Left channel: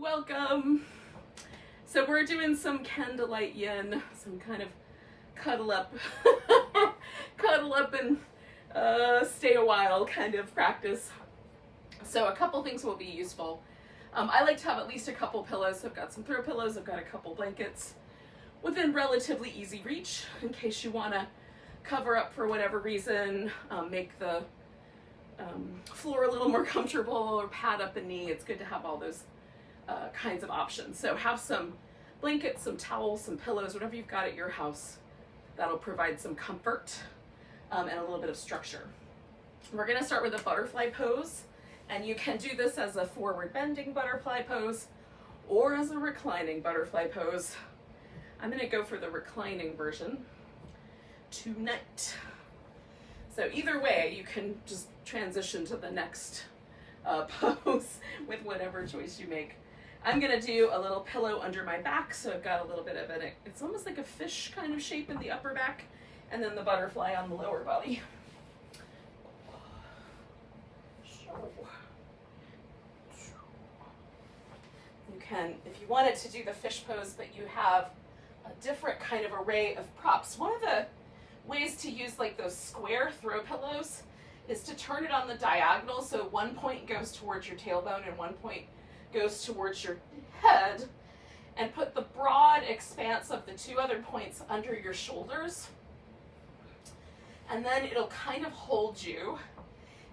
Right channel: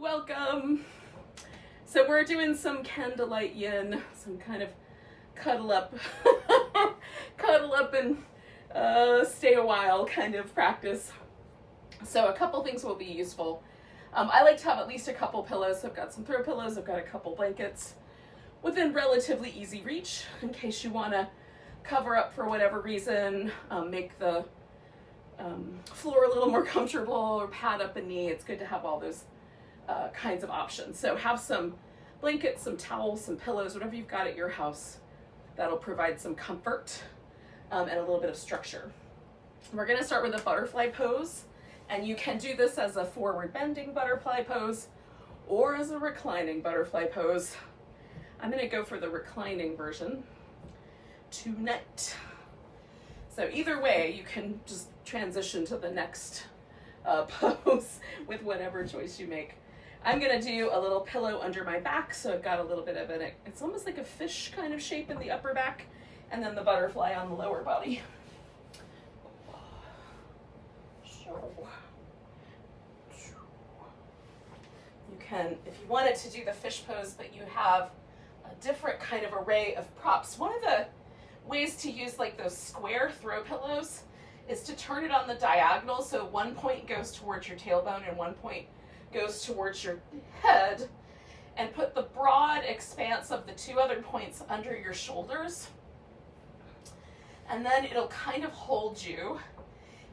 Welcome. So we're doing some Candlelight Yin, some kind of cuddle up, cuddle up and stay a while kind of practice. So a couple things will be useful. I like to have at least a couple pillows. So I've got some throw pillows, I've got a couple blankets within relatively easy reach in case you want to cover up for whatever reason, make the floor a little more comfortable or pad up a knee. It's good to have all those kinds of options. So have some blankets, some towels, some pillows, whatever you've got at your house. That'll provide some comfort and a little bit of structure. We're going to start with a butterfly pose, and you can do this as a forward bending butterfly pose or as a reclining butterfly pose. I'm going to go for the reclining version tonight. So either way, you can just transition to the next pose with whatever choice you make. I'm gonna do a little pillow under my back, so I've got a little bit of it's almost like a fish kind of shape in the upper back, and then the butterfly on the lower body. You can, if you wanted to do the fish pose, but you have a different kind of array of props. One of the ways to use like those square throw pillows is to turn it on the diagonal, so one point goes towards your tailbone and one point goes towards your head, and put the broad expanse of the two other points under your shoulders, and then it'll kind of hold you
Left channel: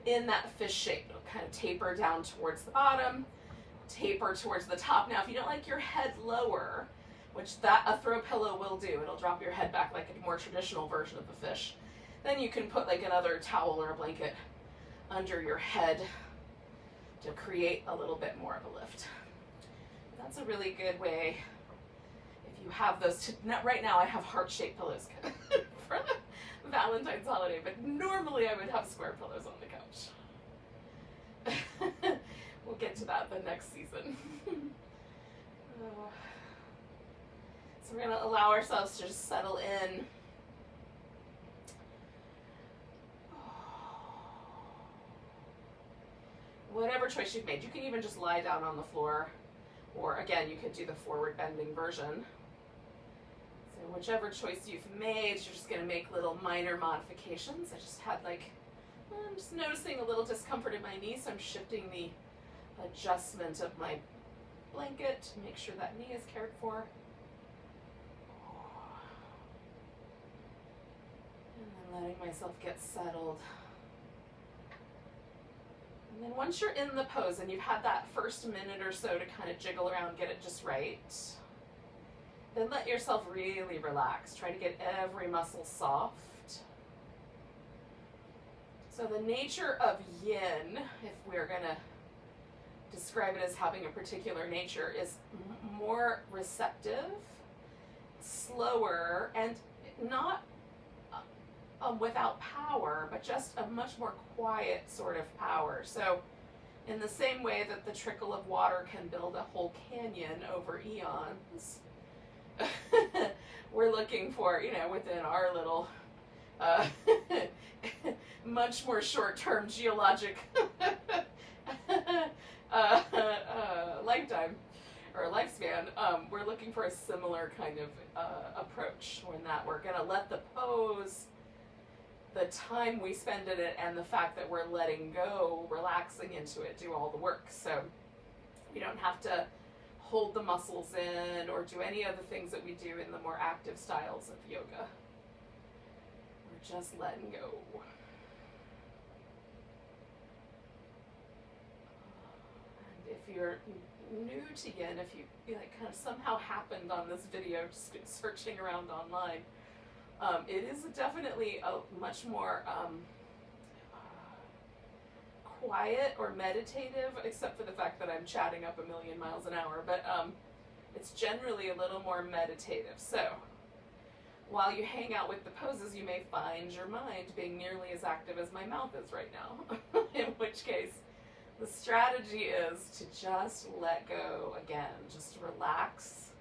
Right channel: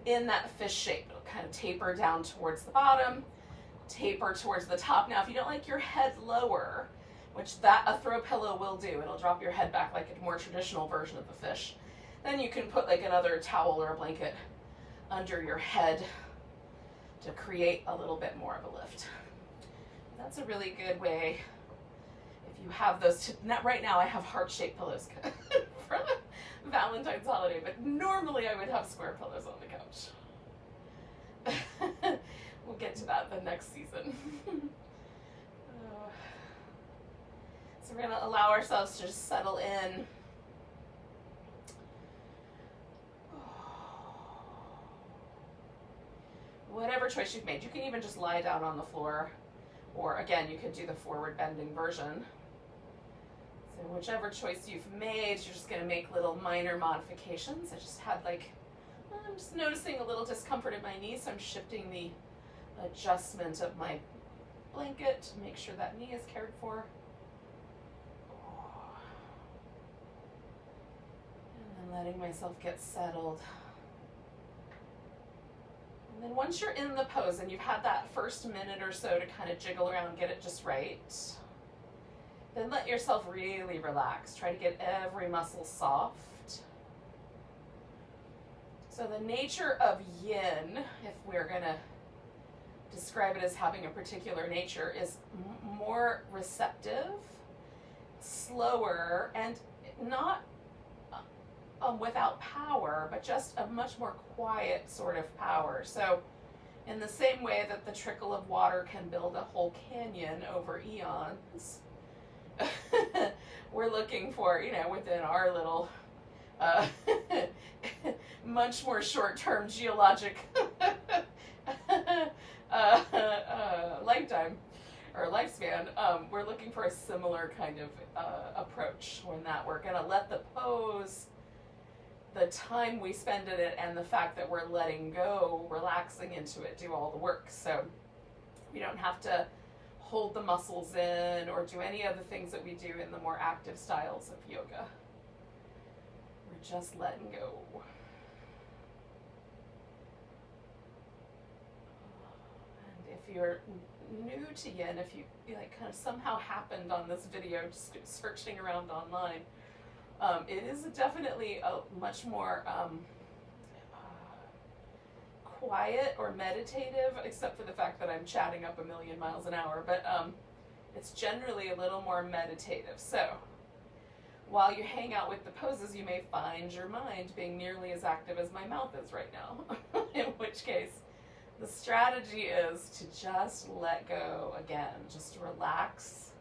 in that fish shape. It'll kind of taper down towards the bottom, taper towards the top. Now if you don't like your head lower, which a throw pillow will do, it'll drop your head back like a more traditional version of the fish, then you can put like another towel or a blanket under your head to create a little bit more of a lift. That's a really good way if you have those. Right now I have heart-shaped pillows for the Valentine's holiday, but normally I would have square pillows on the couch. We'll get to that the next season. So we're going to allow ourselves to just settle in. Whatever choice you've made, you can even just lie down on the floor, or again, you could do the forward bending version. So whichever choice you've made, you're just going to make little minor modifications. I just had I'm just noticing a little discomfort in my knee, so I'm shifting the adjustment of my blanket to make sure that knee is cared for. And then letting myself get settled. And then once you're in the pose and you've had that first minute or so to kind of jiggle around, get it just right, then let yourself really relax. Try to get every muscle soft. So the nature of yin, if we're going to describe it as having a particular nature, is more receptive, slower, and not without power, but just a much more quiet sort of power. So in the same way that the trickle of water can build a whole canyon over eons, we're looking for, within our little much more short-term geologic lifetime or lifespan, we're looking for a similar kind of approach when that we're going to let the pose, the time we spend in it, and the fact that we're letting go, relaxing into it, do all the work. So we don't have to hold the muscles in or do any of the things that we do in the more active styles of yoga. We're just letting go. And if you're new to yin, if you kind of somehow happened on this video, just searching around online, it is definitely a much more quiet or meditative, except for the fact that I'm chatting up a million miles an hour, but it's generally a little more meditative. So while you hang out with the poses, you may find your mind being nearly as active as my mouth is right now, in which case the strategy is to just let go again. Just relax,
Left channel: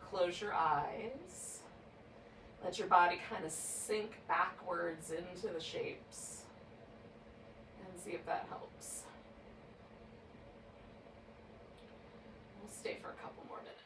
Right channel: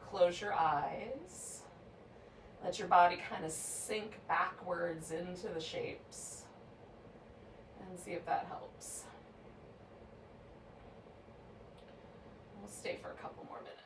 close your eyes. Let your body kind of sink backwards into the shapes and see if that helps. We'll stay for a couple more minutes.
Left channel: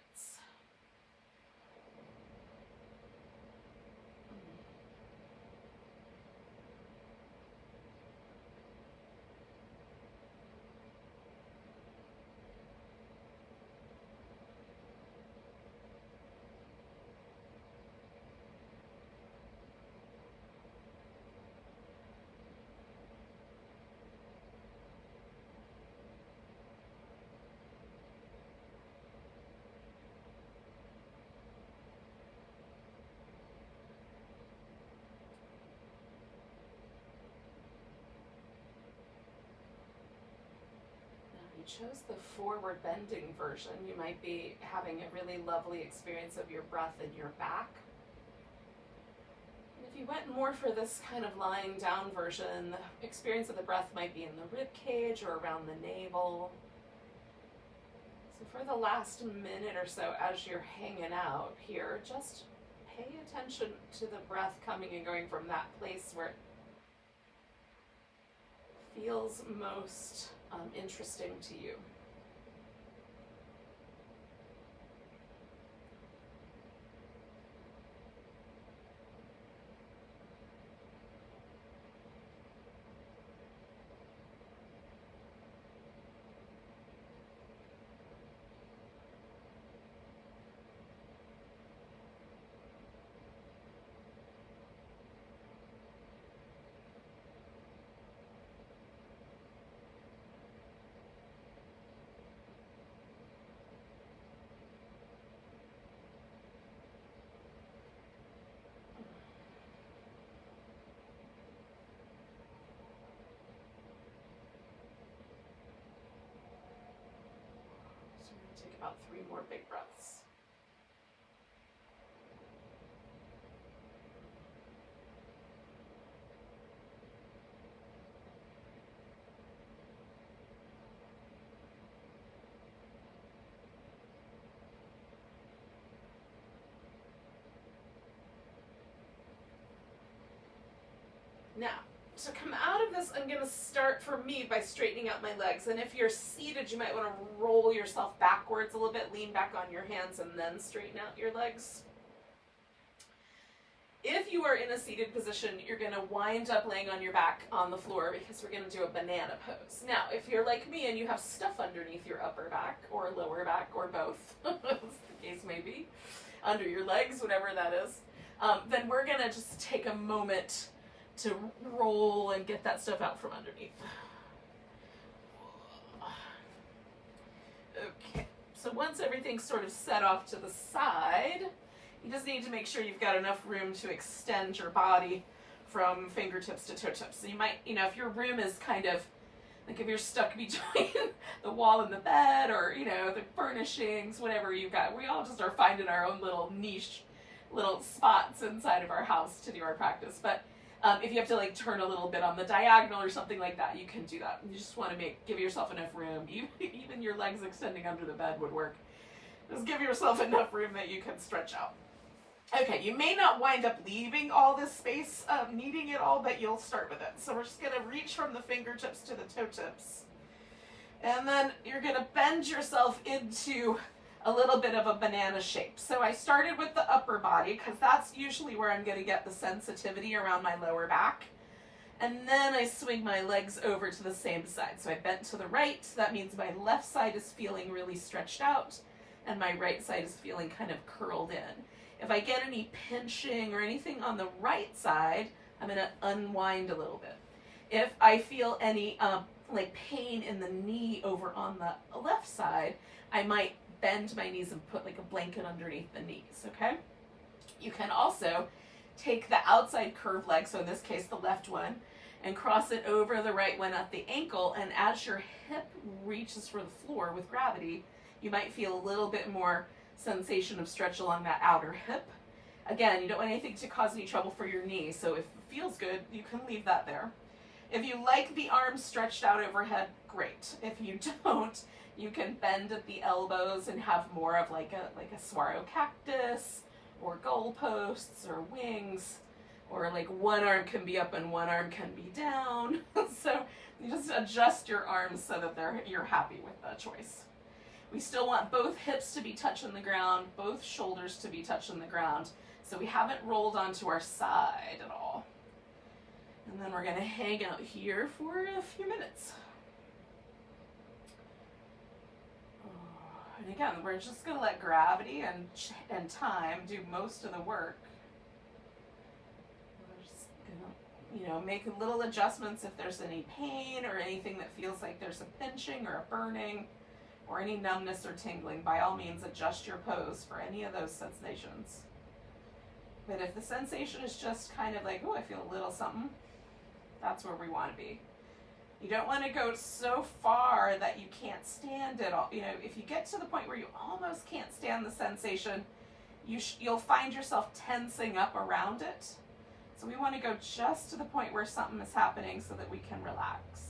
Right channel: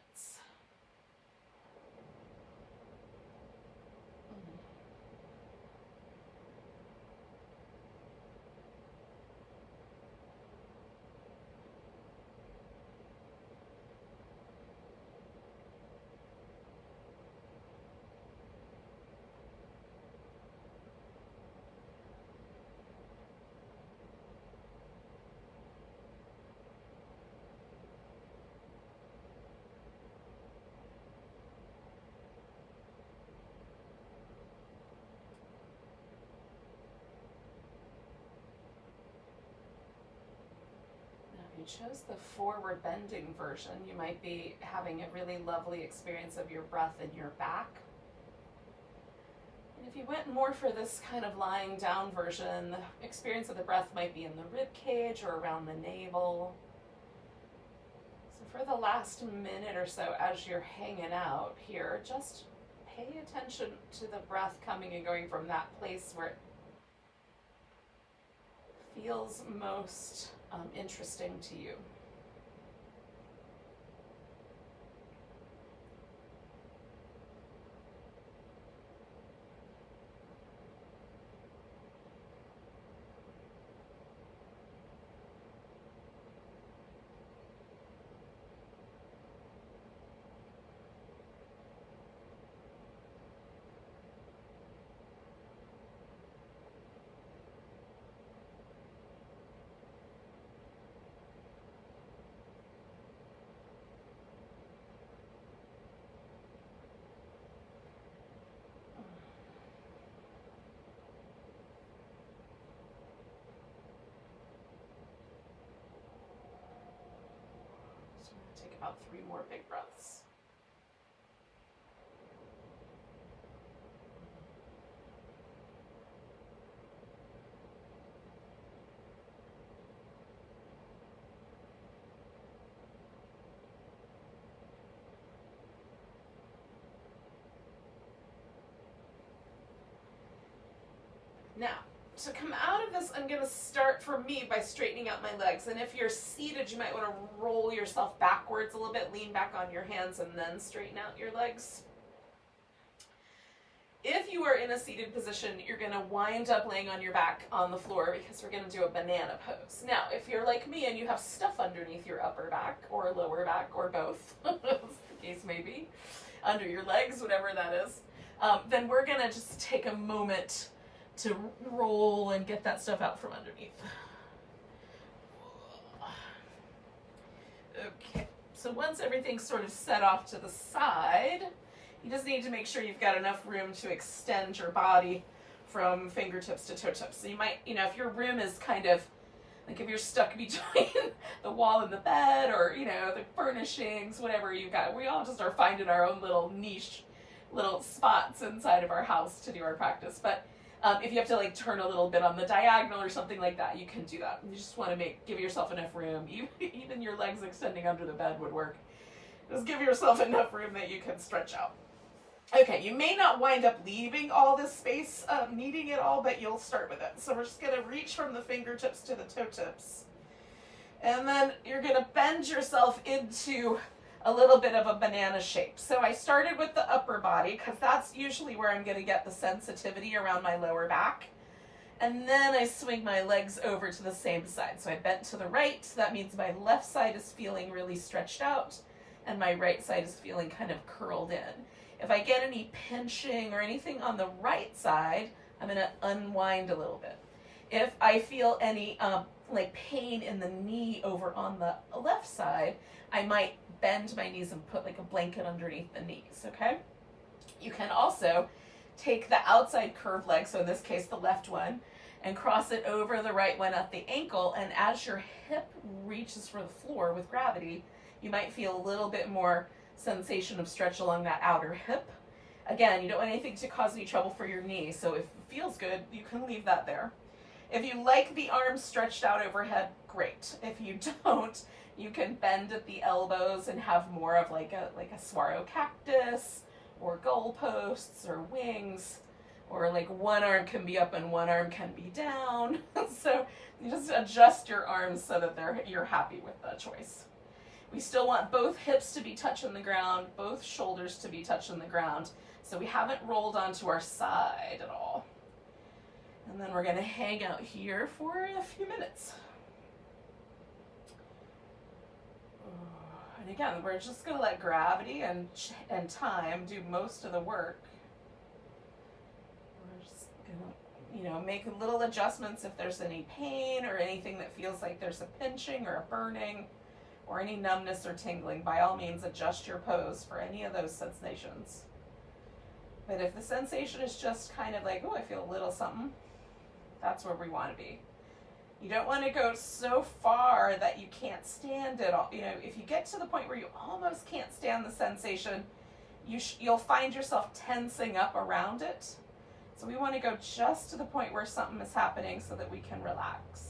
You chose the forward bending version. You might be having a really lovely experience of your breath in your back. And if you went more for this kind of lying down version, the experience of the breath might be in the rib cage or around the navel. So for the last minute or so as you're hanging out here, just pay attention to the breath coming and going from that place where it feels most interesting to you. Take about 3 more big breaths. Now, to come out of this, I'm going to start for me by straightening out my legs. And if you're seated, you might want to roll yourself backwards a little bit, lean back on your hands, and then straighten out your legs. If you are in a seated position, you're going to wind up laying on your back on the floor because we're going to do a banana pose. Now, if you're like me and you have stuff underneath your upper back or lower back or both, as the case may be, under your legs, whatever that is, then we're going to just take a moment to roll and get that stuff out from underneath. Okay, so once everything's sort of set off to the side, you just need to make sure you've got enough room to extend your body from fingertips to toe tips. So you might, if your room is kind of, like if you're stuck between the wall and the bed or, the furnishings, whatever you've got, we all just are finding our own little niche, little spots inside of our house to do our practice. But if you have to turn a little bit on the diagonal or something like that, you can do that. You just want to give yourself enough room. Even your legs extending under the bed would work. Just give yourself enough room that you can stretch out. Okay, you may not wind up leaving all this space, needing it all, but you'll start with it. So we're just going to reach from the fingertips to the toe tips. And then you're going to bend yourself into a little bit of a banana shape. So I started with the upper body because that's usually where I'm going to get the sensitivity around my lower back. And then I swing my legs over to the same side. So I bent to the right. So that means my left side is feeling really stretched out and my right side is feeling kind of curled in. If I get any pinching or anything on the right side, I'm going to unwind a little bit. If I feel any pain in the knee over on the left side, I might bend my knees and put a blanket underneath the knees, okay? You can also take the outside curved leg, so in this case the left one, and cross it over the right one at the ankle, and as your hip reaches for the floor with gravity, you might feel a little bit more sensation of stretch along that outer hip. Again, you don't want anything to cause any trouble for your knee, so if it feels good, you can leave that there. If you like the arms stretched out overhead, great. If you don't, you can bend at the elbows and have more of like a saguaro cactus or goalposts or wings, or one arm can be up and one arm can be down. So you just adjust your arms so that you're happy with the choice. We still want both hips to be touching the ground, both shoulders to be touching the ground. So we haven't rolled onto our side at all. And then we're going to hang out here for a few minutes. And again, we're just going to let gravity and time do most of the work. We're just going to, you know, make little adjustments if there's any pain or anything that feels like there's a pinching or a burning or any numbness or tingling. By all means, adjust your pose for any of those sensations. But if the sensation is just kind of like, oh, I feel a little something, that's where we want to be. You don't want to go so far that you can't stand it all. You know, if you get to the point where you almost can't stand the sensation, you'll find yourself tensing up around it. So we want to go just to the point where something is happening so that we can relax.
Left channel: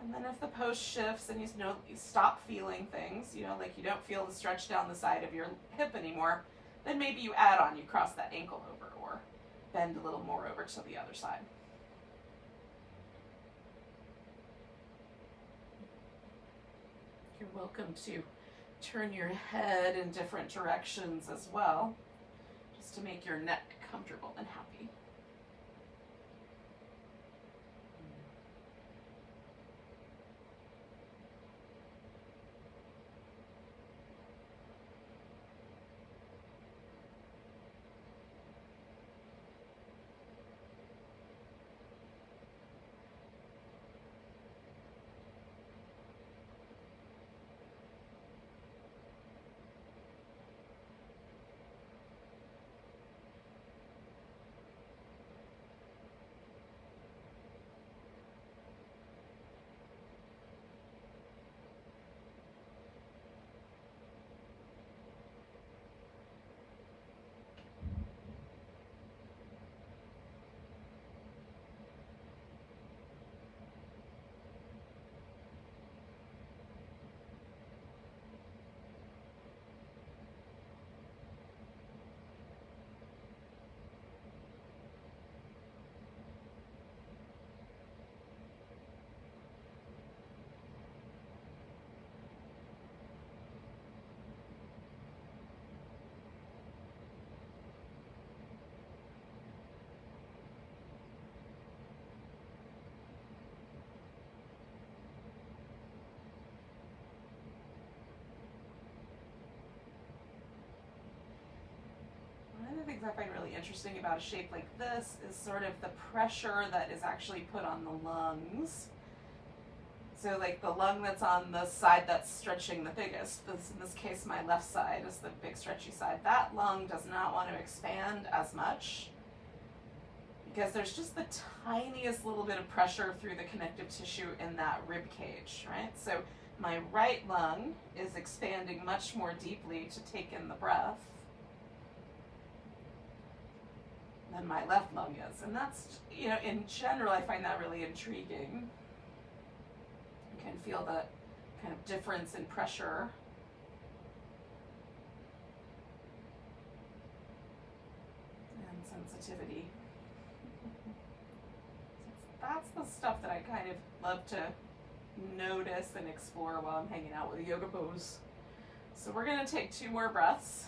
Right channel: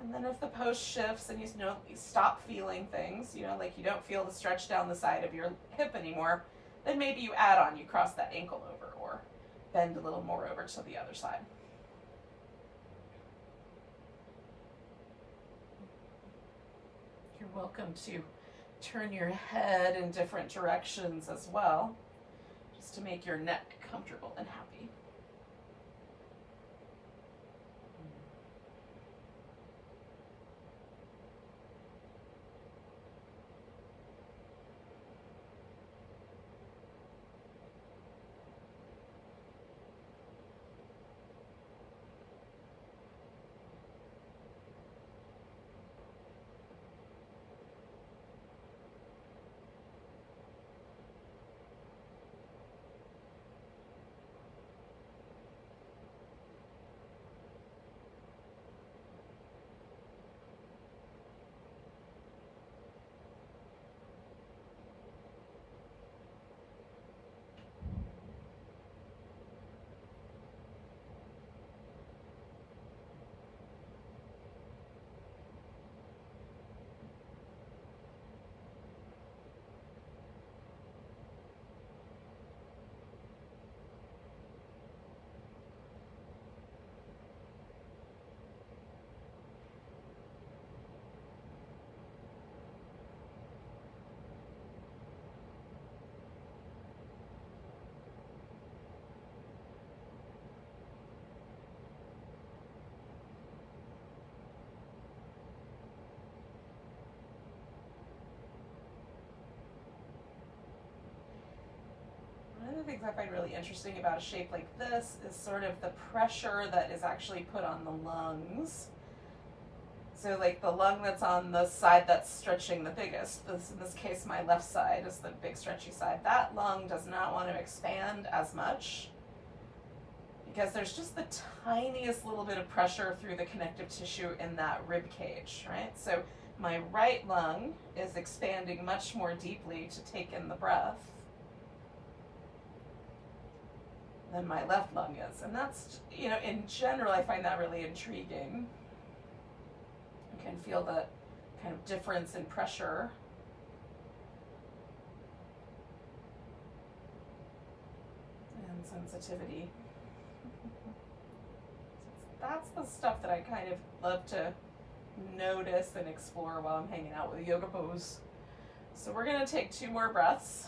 And then if the pose shifts and you stop feeling things, you know, like you don't feel the stretch down the side of your hip anymore, then maybe you add on, you cross that ankle over or bend a little more over to the other side. You're welcome to turn your head in different directions as well, just to make your neck comfortable and happy. One of the things I find really interesting about a shape like this is sort of the pressure that is actually put on the lungs. So like the lung that's on the side that's stretching the biggest, in this case my left side is the big stretchy side, that lung does not want to expand as much because there's just the tiniest little bit of pressure through the connective tissue in that rib cage, right? So my right lung is expanding much more deeply to take in the breath than my left lung is. And that's, you know, in general, I find that really intriguing. You can feel the kind of difference in pressure. And sensitivity. That's the stuff that I kind of love to notice and explore while I'm hanging out with a yoga pose. So we're going to take 2 more breaths.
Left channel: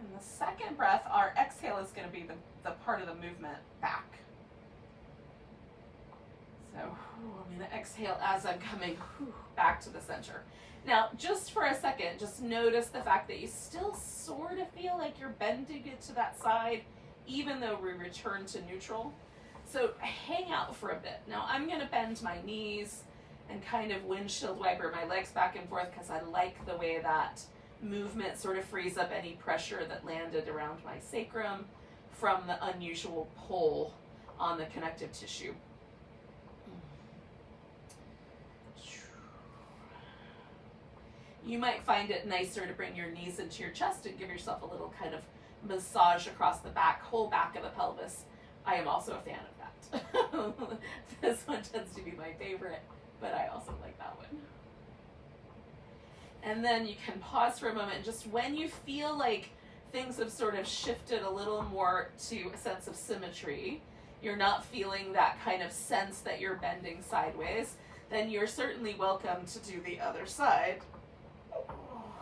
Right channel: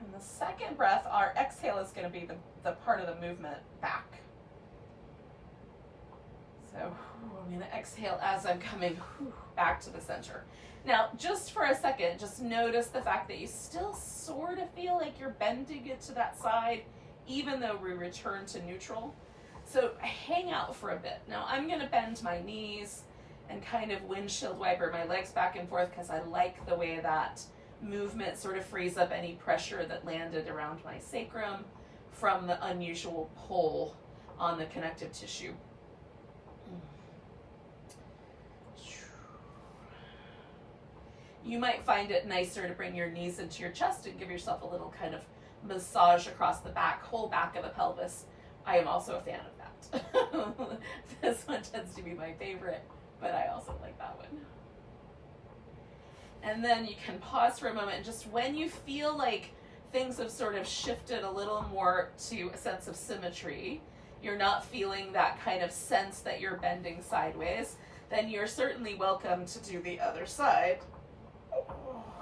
And the second breath, our exhale is going to be the part of the movement back. So I'm going to exhale as I'm coming back to the center. Now, just for a second, just notice the fact that you still sort of feel like you're bending it to that side, even though we return to neutral. So hang out for a bit. Now I'm going to bend my knees and kind of windshield wiper my legs back and forth because I like the way that movement sort of frees up any pressure that landed around my sacrum from the unusual pull on the connective tissue. You might find it nicer to bring your knees into your chest and give yourself a little kind of massage across the back, whole back of the pelvis. I am also a fan of that. This one tends to be my favorite, but I also like that one. And then you can pause for a moment, and just when you feel like things have sort of shifted a little more to a sense of symmetry, you're not feeling that kind of sense that you're bending sideways, then you're certainly welcome to do the other side.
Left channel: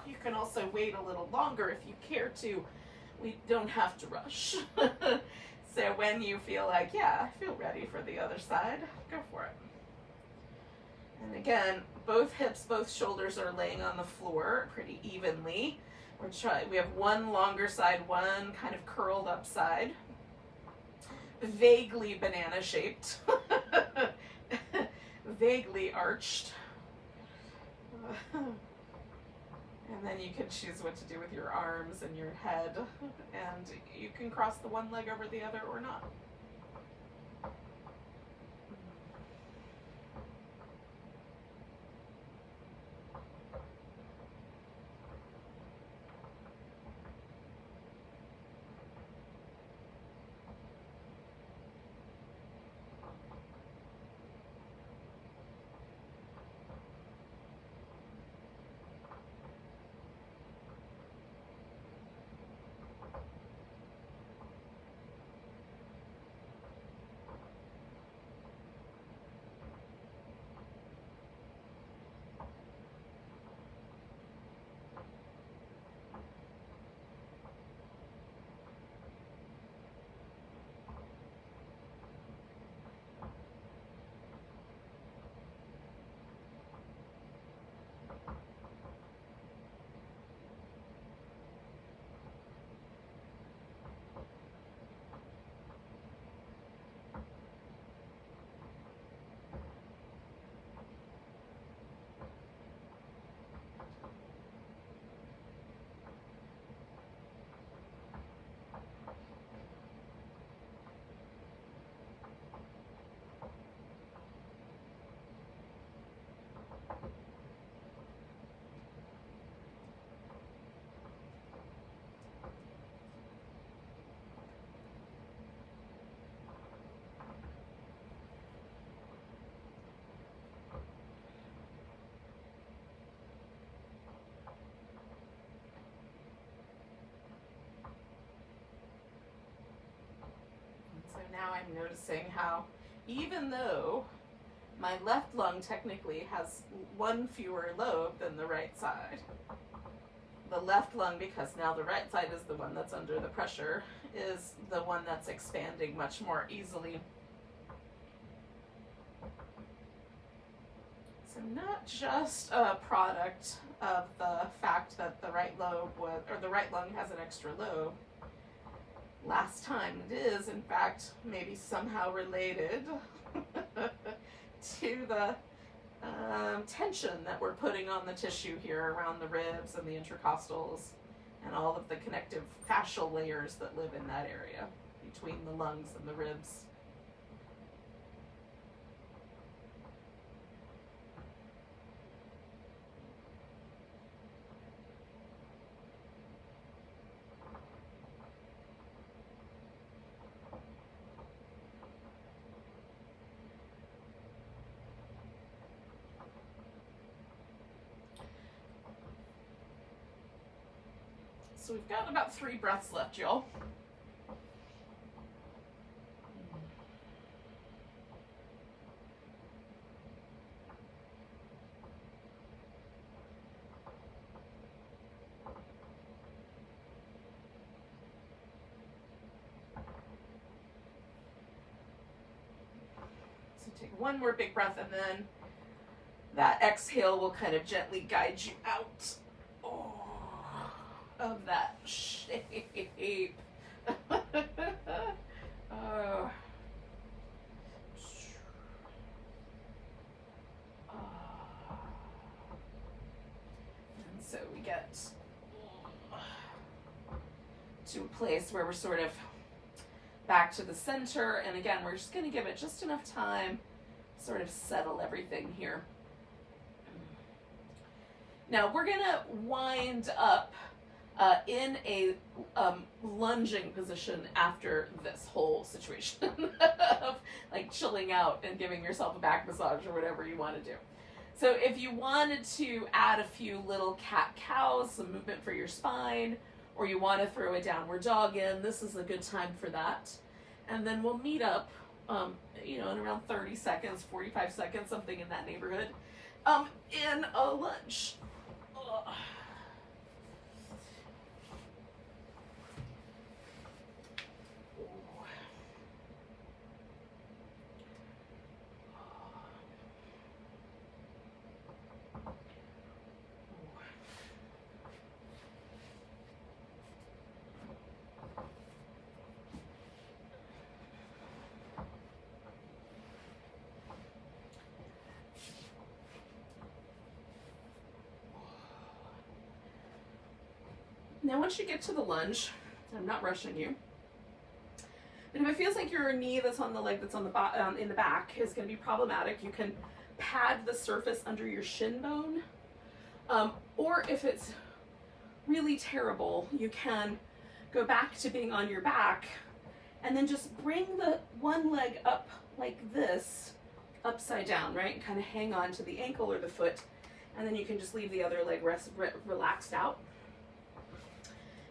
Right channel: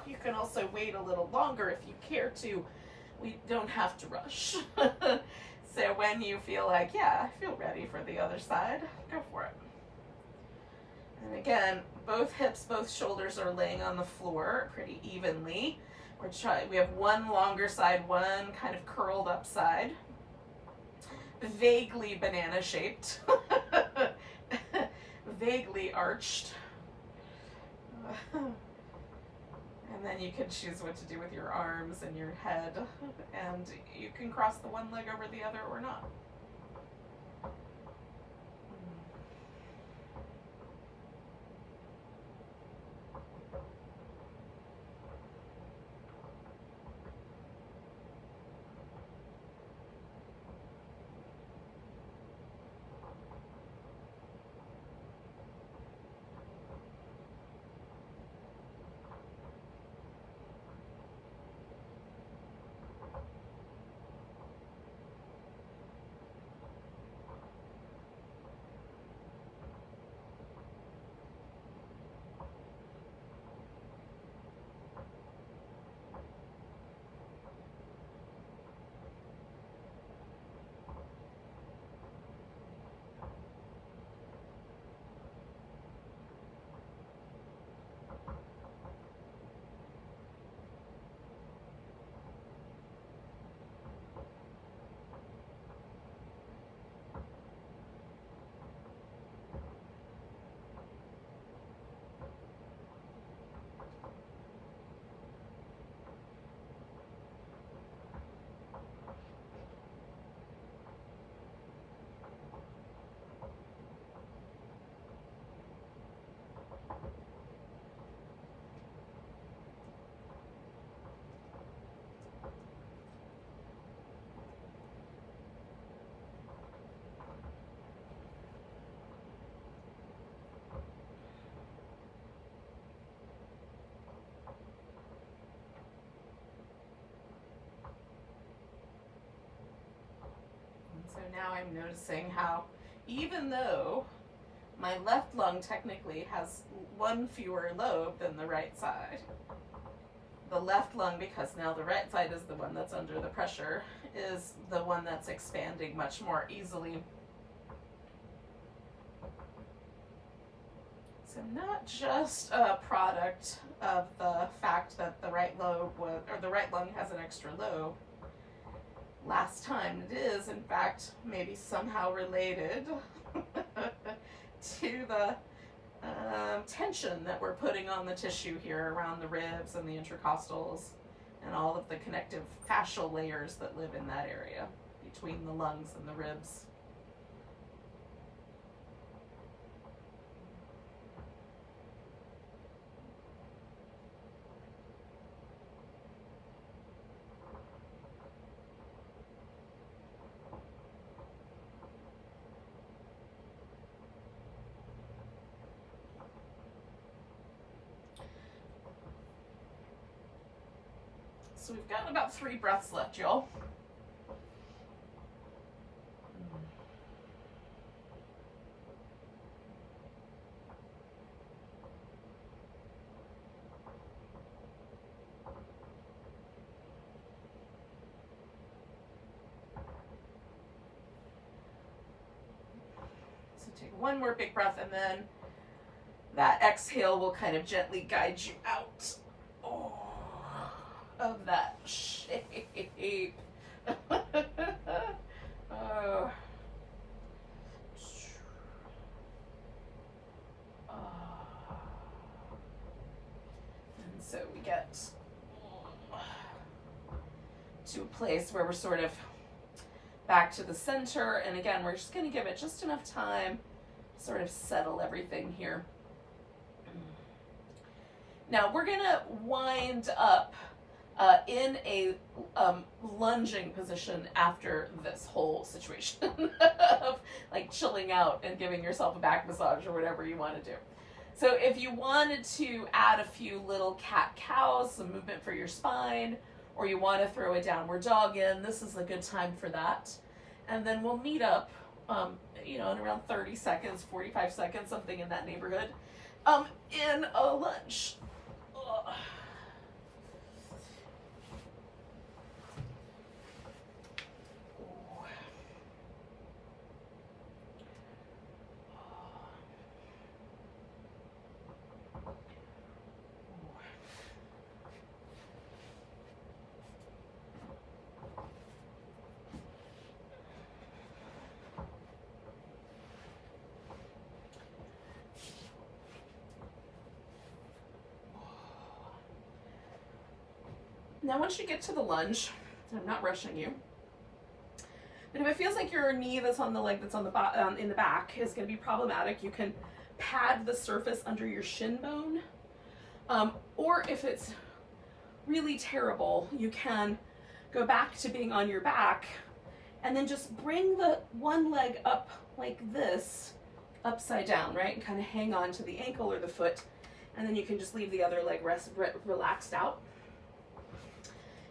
You can also wait a little longer if you care to. We don't have to rush. So when you feel like, yeah, I feel ready for the other side, go for it. And again, both hips, both shoulders are laying on the floor pretty evenly. We have one longer side, one kind of curled up side, vaguely banana shaped, vaguely arched. And then you can choose what to do with your arms and your head, and you can cross the one leg over the other or not. So now I'm noticing how, even though my left lung technically has one fewer lobe than the right side, the left lung, because now the right side is the one that's under the pressure, is the one that's expanding much more easily. So not just a product of the fact that the right lobe was, or the right lung has an extra lobe last time. It is, in fact, maybe somehow related to the tension that we're putting on the tissue here around the ribs and the intercostals and all of the connective fascial layers that live in that area between the lungs and the ribs. So we've got about 3 breaths left, y'all. So take one more big breath, and then that exhale will kind of gently guide you out of that shape. Oh. And so we get to a place where we're sort of back to the center, and again, we're just going to give it just enough time to sort of settle everything here. Now we're going to wind up in a lunging position after this whole situation of like chilling out and giving yourself a back massage or whatever you want to do. So if you wanted to add a few little cat-cows, some movement for your spine, or you want to throw a downward dog in, this is a good time for that. And then we'll meet up you know, in around 30 seconds, 45 seconds, something in that neighborhood, in a lunge. Ugh. Now, once you get to the lunge, I'm not rushing you, but if it feels like your knee that's on the leg that's on the in the back is going to be problematic, you can pad the surface under your shin bone, or if it's really terrible, you can go back to being on your back and then just bring the one leg up like this, upside down, right? And kind of hang on to the ankle or the foot, and then you can just leave the other leg relaxed out.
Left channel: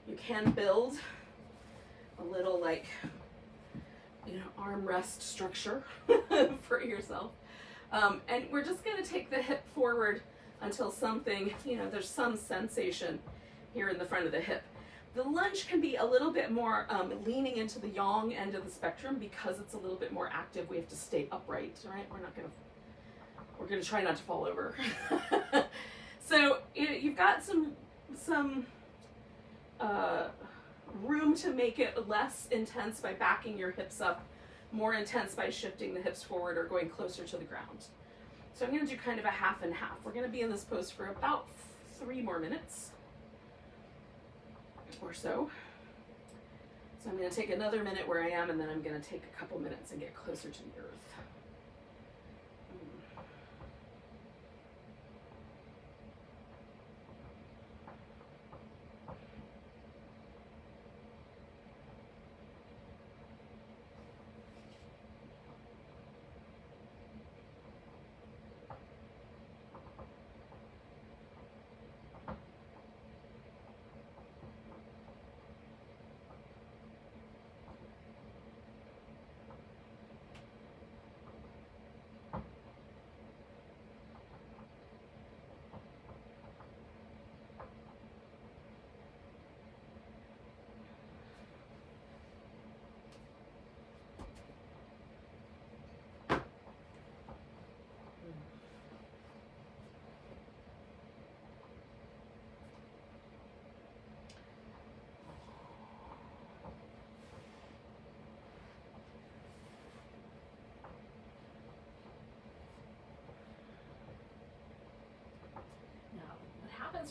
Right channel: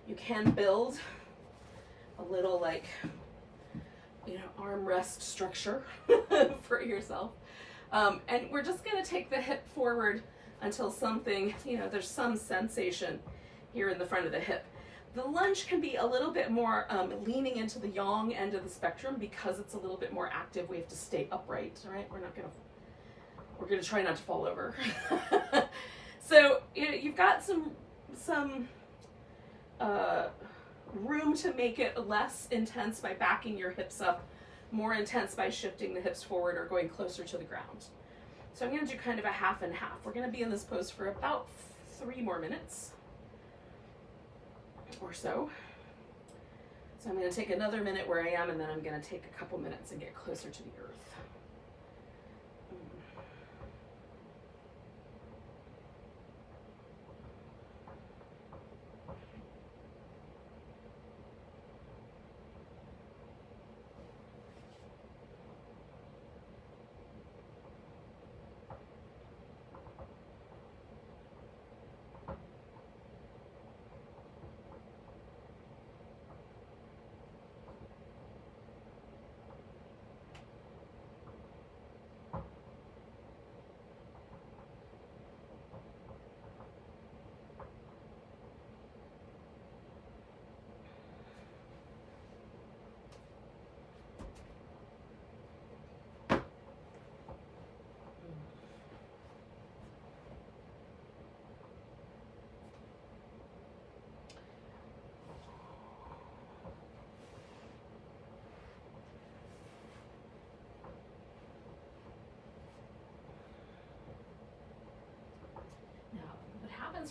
You can build a little, like, you know, armrest structure for yourself. And we're just gonna take the hip forward until something, you know, there's some sensation here in the front of the hip. The lunge can be a little bit more leaning into the yang end of the spectrum because it's a little bit more active. We have to stay upright, right? We're gonna try not to fall over. So, you know, you've got some room to make it less intense by backing your hips up, more intense by shifting the hips forward or going closer to the ground. So I'm going to do kind of a half and half. We're going to be in this pose for about 3 more minutes or so. So I'm going to take another minute where I am, and then I'm going to take a couple minutes and get closer to the earth.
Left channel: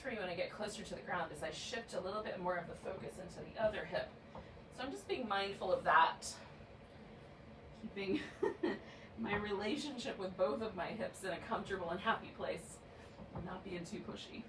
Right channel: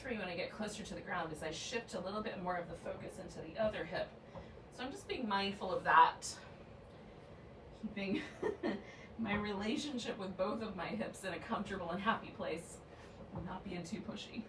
For you when I get closer to the ground is I shift a little bit more of the focus into the other hip. So I'm just being mindful of that, keeping my relationship with both of my hips in a comfortable and happy place and not being too pushy.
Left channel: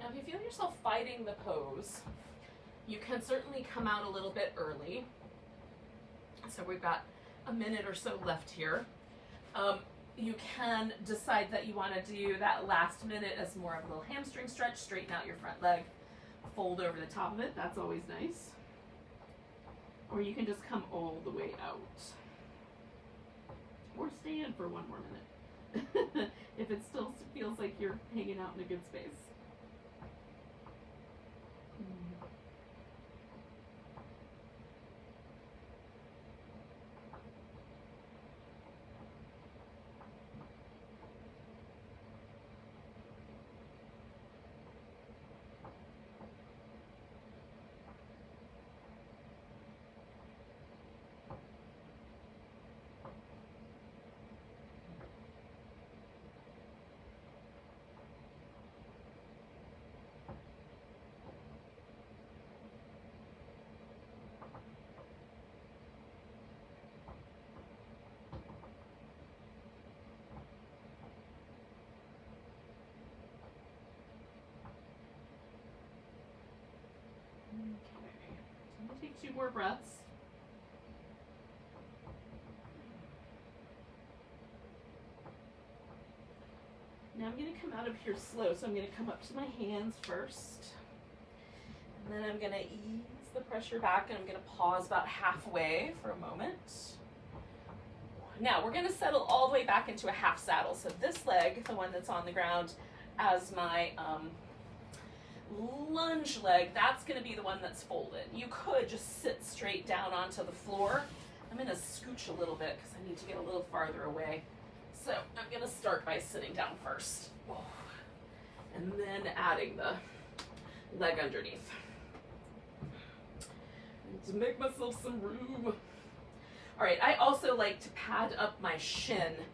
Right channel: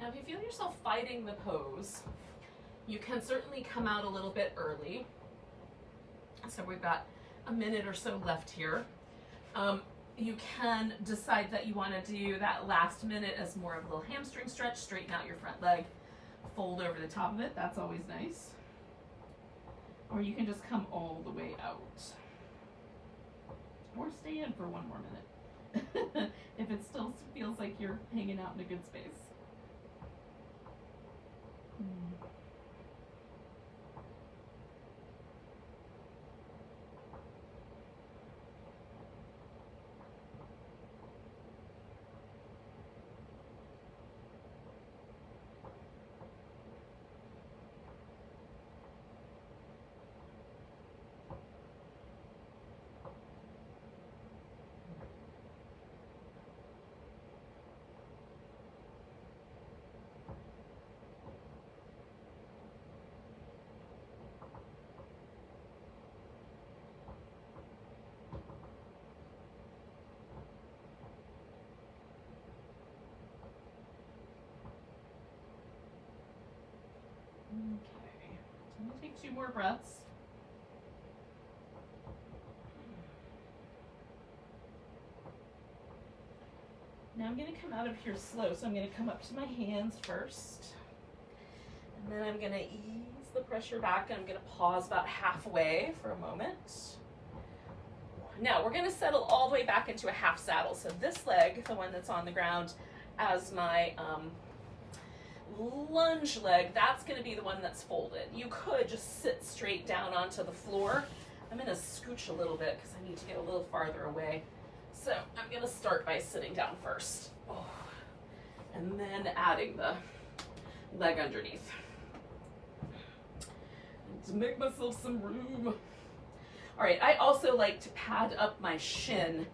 Now, if you feel yourself fighting the pose, you can certainly come out a little bit early. So we've got a minute or so left here. You can decide that you want to do that last minute as more of a little hamstring stretch, straighten out your front leg, fold over the top of it. That's always nice. Or you can just come all the way out. Or stay in for one more minute if it still feels like you're hanging out in a good space. 2 more breaths. Now I'm going to come out of here slow, so I'm going to come up to my hands first. And then I'm going to ease the pressure back, and I'm going to pause about halfway for a moment. Now we're going to settle all the way back into a half saddle. So this leg, the one that's on the ground, as my lunge leg, that's going to be the one that's folded. You could just sit straight down onto the floor. I'm going to scooch a little bit because I need to get a little farther away. So I'm going to start by sitting down first. Oh. And then adding the leg underneath. And to make myself some room. All right, I also like to pad up my shin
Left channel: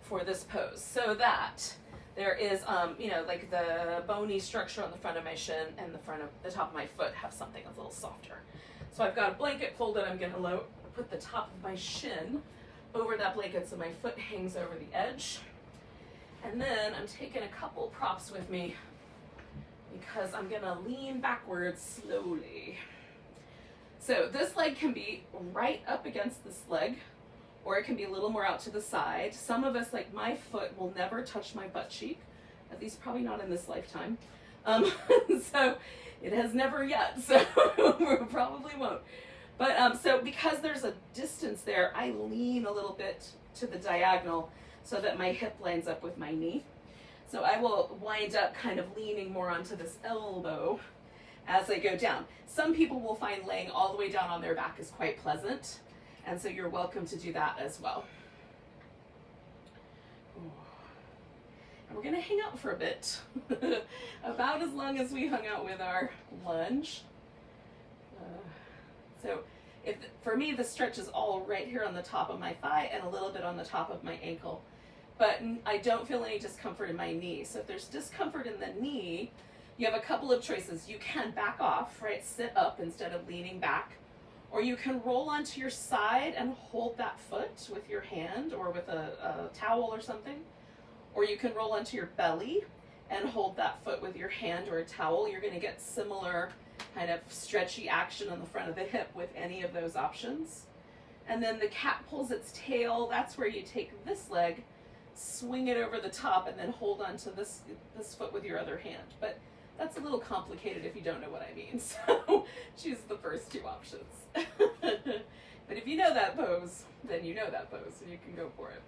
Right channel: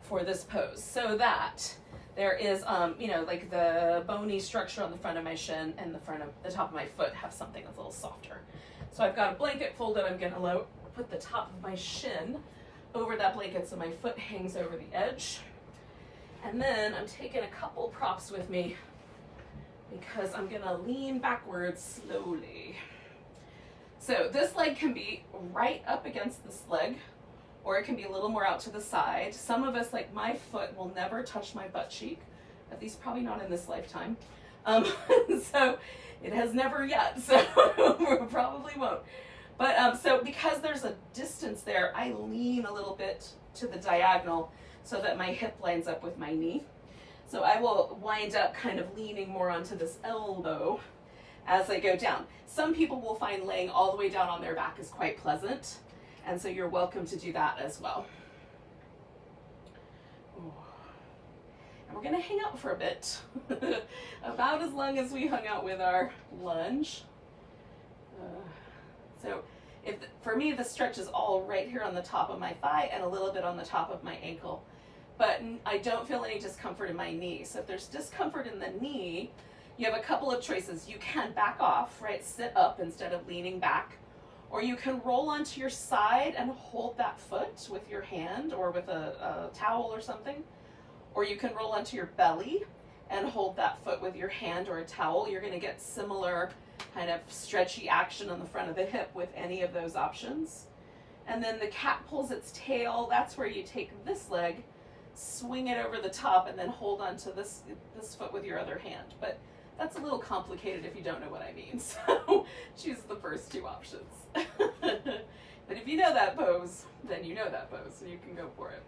for this pose so that there is, you know, like the bony structure on the front of my shin and the top of my foot have something that's a little softer. So I've got a blanket folded. I'm going to put the top of my shin over that blanket so my foot hangs over the edge. And then I'm taking a couple props with me because I'm going to lean backwards slowly. So this leg can be right up against this leg, or it can be a little more out to the side. Some of us, like my foot, will never touch my butt cheek, at least probably not in this lifetime. So it has never yet, so probably won't. But so because there's a distance there, I lean a little bit to the diagonal so that my hip lines up with my knee. So I will wind up kind of leaning more onto this elbow as I go down. Some people will find laying all the way down on their back is quite pleasant, and so you're welcome to do that as well. And we're going to hang out for a bit, about as long as we hung out with our lunge. So for me, the stretch is all right here on the top of my thigh and a little bit on the top of my ankle, but I don't feel any discomfort in my knee. So if there's discomfort in the knee, you have a couple of choices. You can back off, right? Sit up instead of leaning back, or you can roll onto your side and hold that foot with your hand or with a towel or something, or you can roll onto your belly and hold that foot with your hand or a towel. You're going to get similar kind of stretchy action on the front of the hip with any of those options. And then the cat pulls its tail. That's where you take this leg, swing it over the top, and then hold onto this foot with your other hand. But that's a little complicated if you don't know what I mean. So choose the first 2 options. But if you know that pose, then you know that pose, so you can go for it.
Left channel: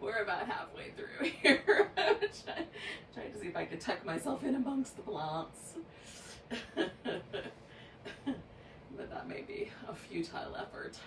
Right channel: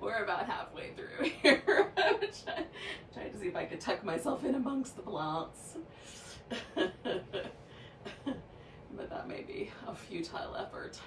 We're about halfway through here. I'm trying to see if I could tuck myself in amongst the plants. But that may be a futile effort.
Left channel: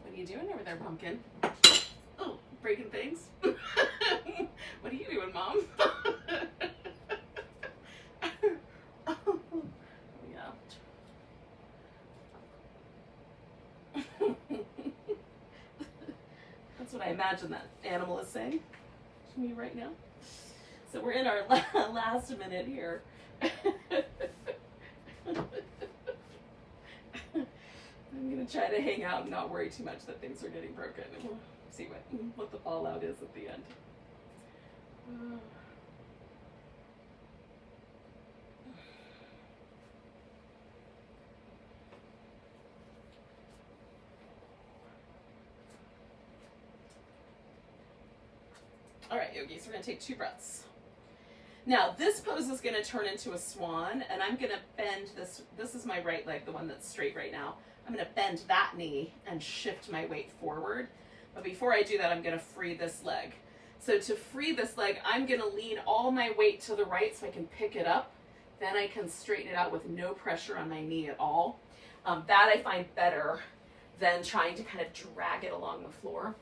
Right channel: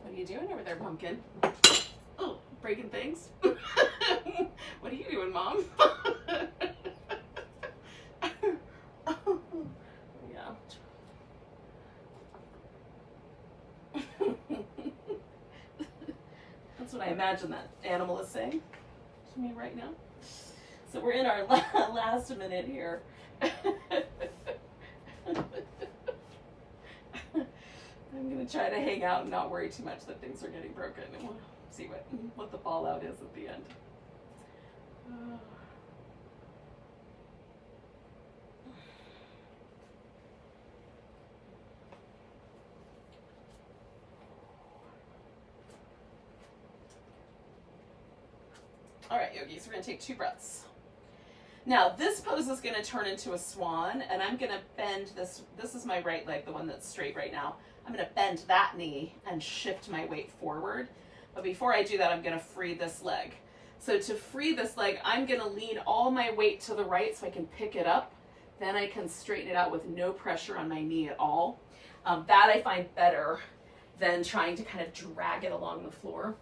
What are you doing over there, pumpkin? Oh, breaking things? What are you doing, Mom? Yeah. That's what I imagine that animal is saying to me right now. So we're in our last minute here. I'm going to try to hang out and not worry too much that things are getting broken, and we'll see what the fallout is at the end. All right, yogis, we're going to take 2 breaths. Now, this pose is going to turn into a swan, and I'm going to bend this. This is my right leg, the one that's straight right now. I'm going to bend that knee and shift my weight forward. But before I do that, I'm going to free this leg. So to free this leg, I'm going to lean all my weight to the right so I can pick it up. Then I can straighten it out with no pressure on my knee at all. That I find better than trying to kind of drag it along the floor.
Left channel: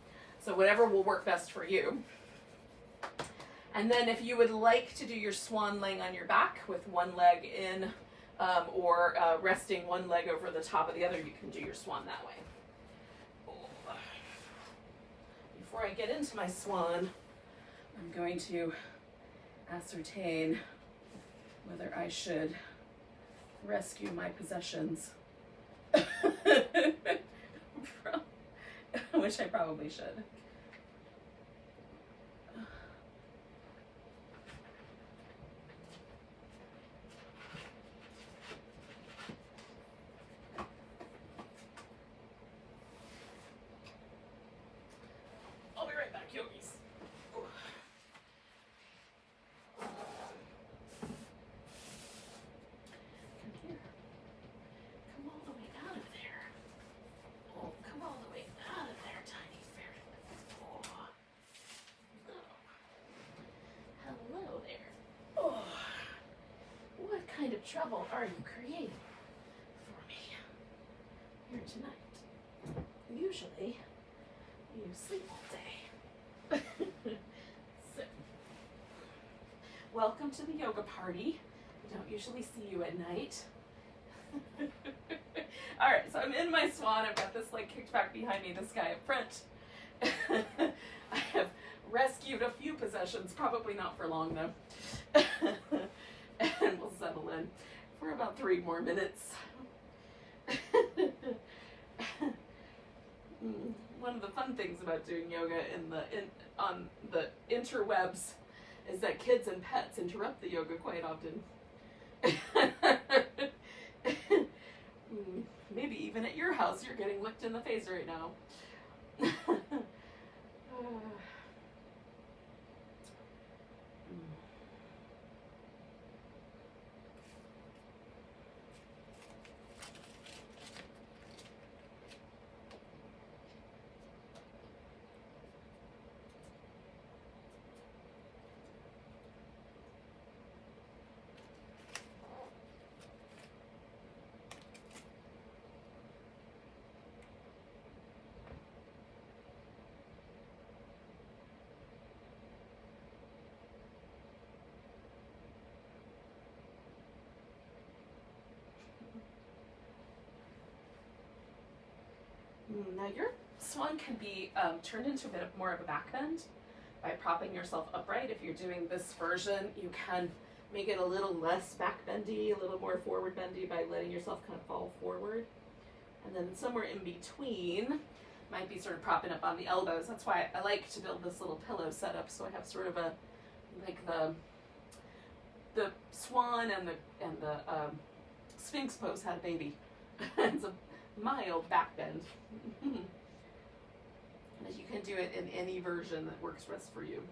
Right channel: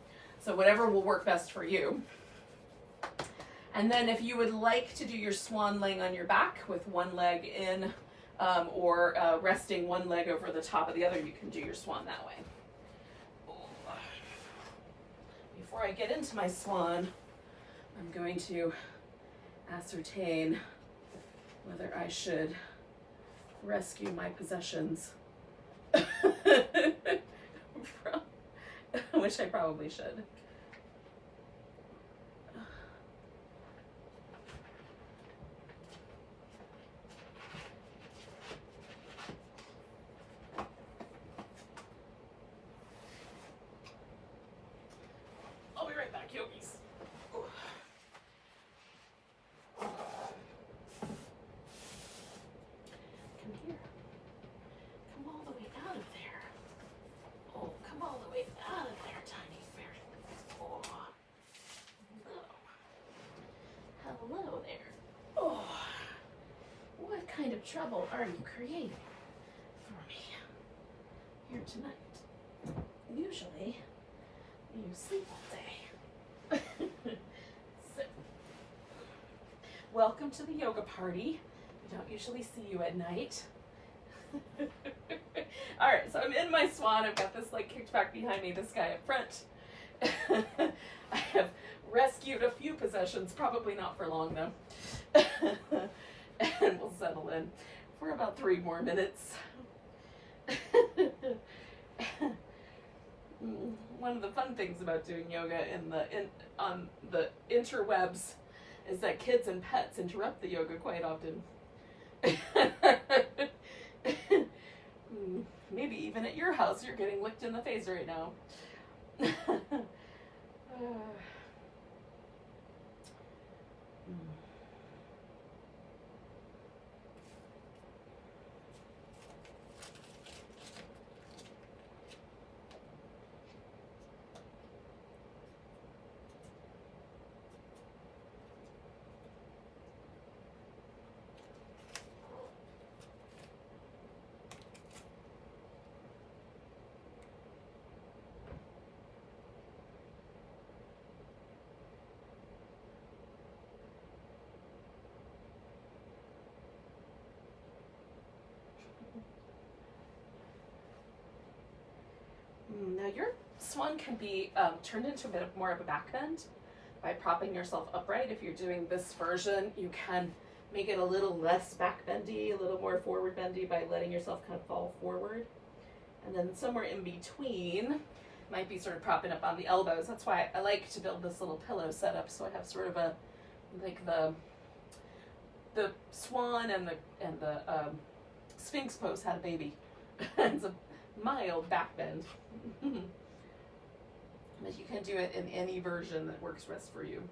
So whatever will work best for you. And then if you would like to do your swan laying on your back with one leg in, or resting one leg over the top of the other, you can do your swan that way. Before I get into my swan, I'm going to ascertain whether I should rescue my possessions, which I probably should. I'll be right back, yogis. Come here. Come all the way out of there. Oh, come all the way out of there, tiny ferret. Oh, hello. Hello there. Oh, what kind of trouble are you creating for me here tonight? Usually, you sleep all day. So, welcome to the yoga party. We don't usually see you at night. All right, so I'm in my swan. I've got this leg kicked back behind me, this guy up front. I have rescued a few possessions, probably not for long though. And we'll settle in for about 3 more minutes. One of the fun things about doing yoga on the interwebs is that kids and pets interrupt the yoga quite often. Maybe even at your house you're getting licked in the face right now. Now your swan can be turned into a bit more of a back bend by propping yourself upright. If you're doing this version, you can make it a little less back bendy, a little more forward bendy by letting yourself kind of fall forward. And then somewhere in between might be sort of propping up on the elbows. That's why I like to build this little pillow setup, so I have sort of a, like the swan and the Sphinx pose had a baby. It's a mild back bend. But you can do it in any version that works best for you.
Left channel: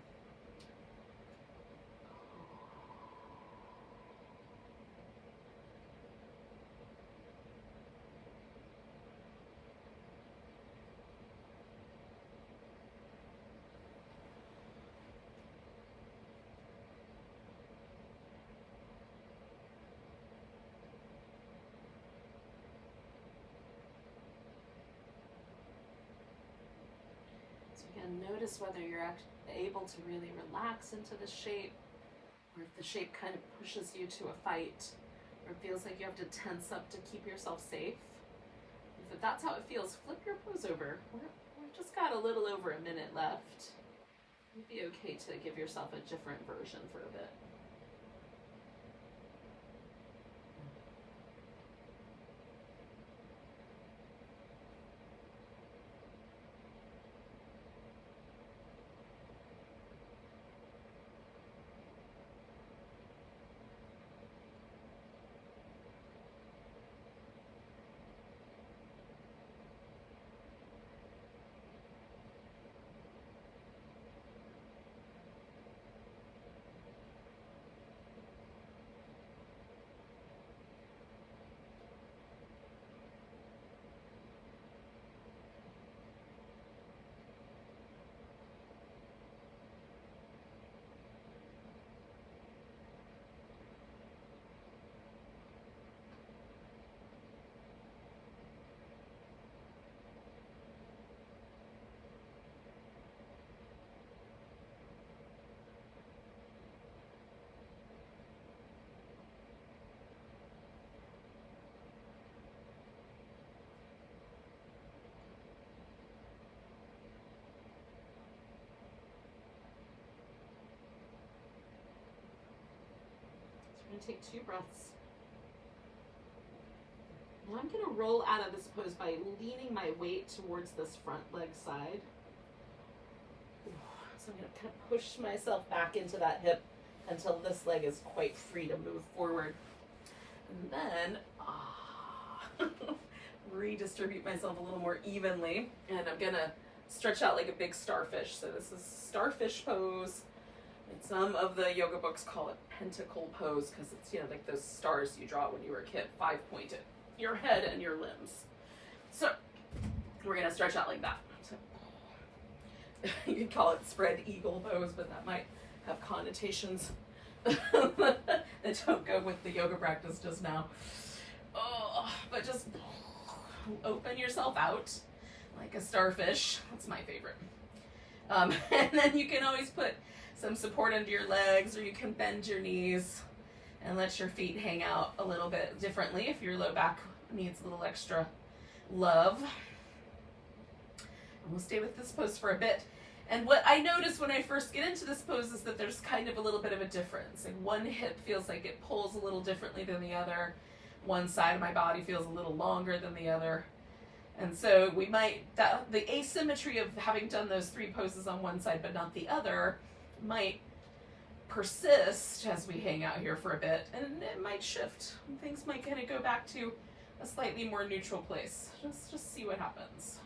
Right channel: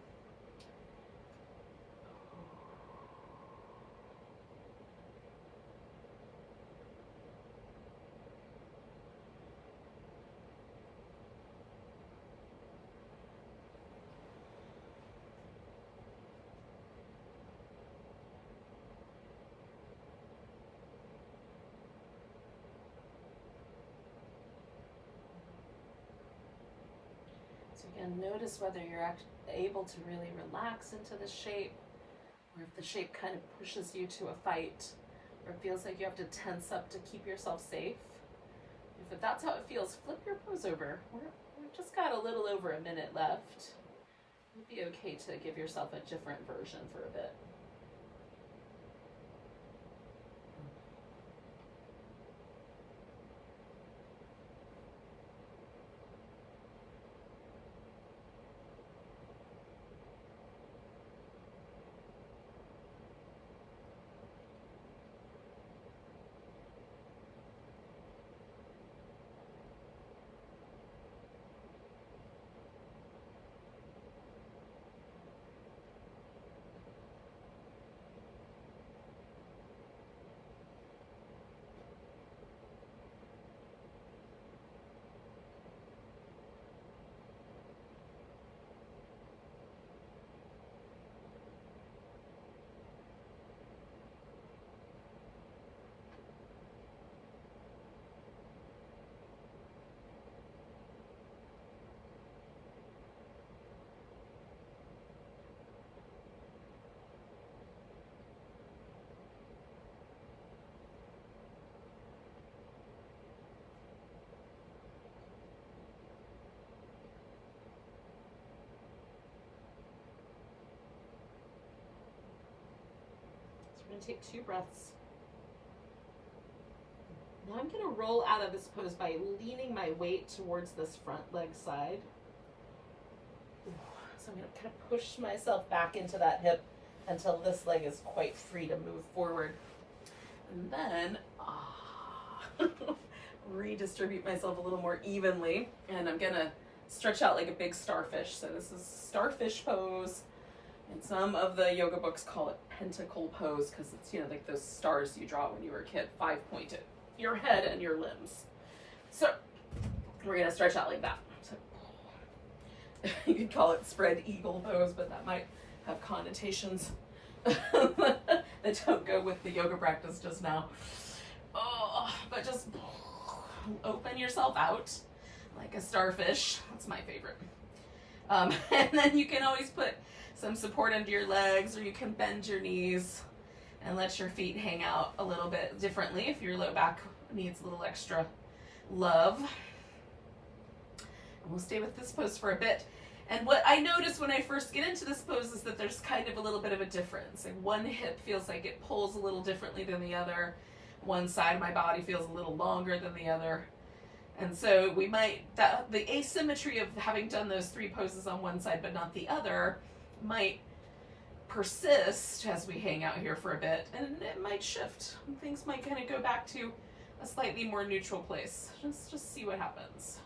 Again, notice whether you're able to really relax into the shape, or if the shape kind of pushes you to a fight, or it feels like you have to tense up to keep yourself safe. If that's how it feels, flip your pose over. We've just got a little over a minute left. It'd be okay to give yourself a different version for a bit. I'm gonna take 2 breaths. Now I'm gonna roll out of this pose by leaning my weight towards this front leg side. So I'm gonna kind of push myself back into that hip until this leg is quite free to move forward. And then, redistribute myself a little more evenly. And I'm gonna stretch out like a big starfish. So this is starfish pose. And some of the yoga books call it pentacle pose because it's, you know, like those stars you draw when you were a kid, 5-pointed. Your head and your limbs. So we're gonna stretch out like that. So you could call it spread eagle pose, but that might have connotations that don't go with the yoga practice just now. Oh, but just open yourself out like a starfish. That's my favorite. And then you can always put some support under your legs, or you can bend your knees and let your feet hang out a little bit differently if your low back needs a little extra love. And we'll stay with this pose for a bit. And what I notice when I first get into this pose is that there's kind of a little bit of a difference. Like one hip feels like it pulls a little differently than the other. One side of my body feels a little longer than the other. And so we might, the asymmetry of having done those 3 poses on one side but not the other might persist as we hang out here for a bit, and it might shift. Things might kind of go back to a slightly more neutral place. Just see what happens.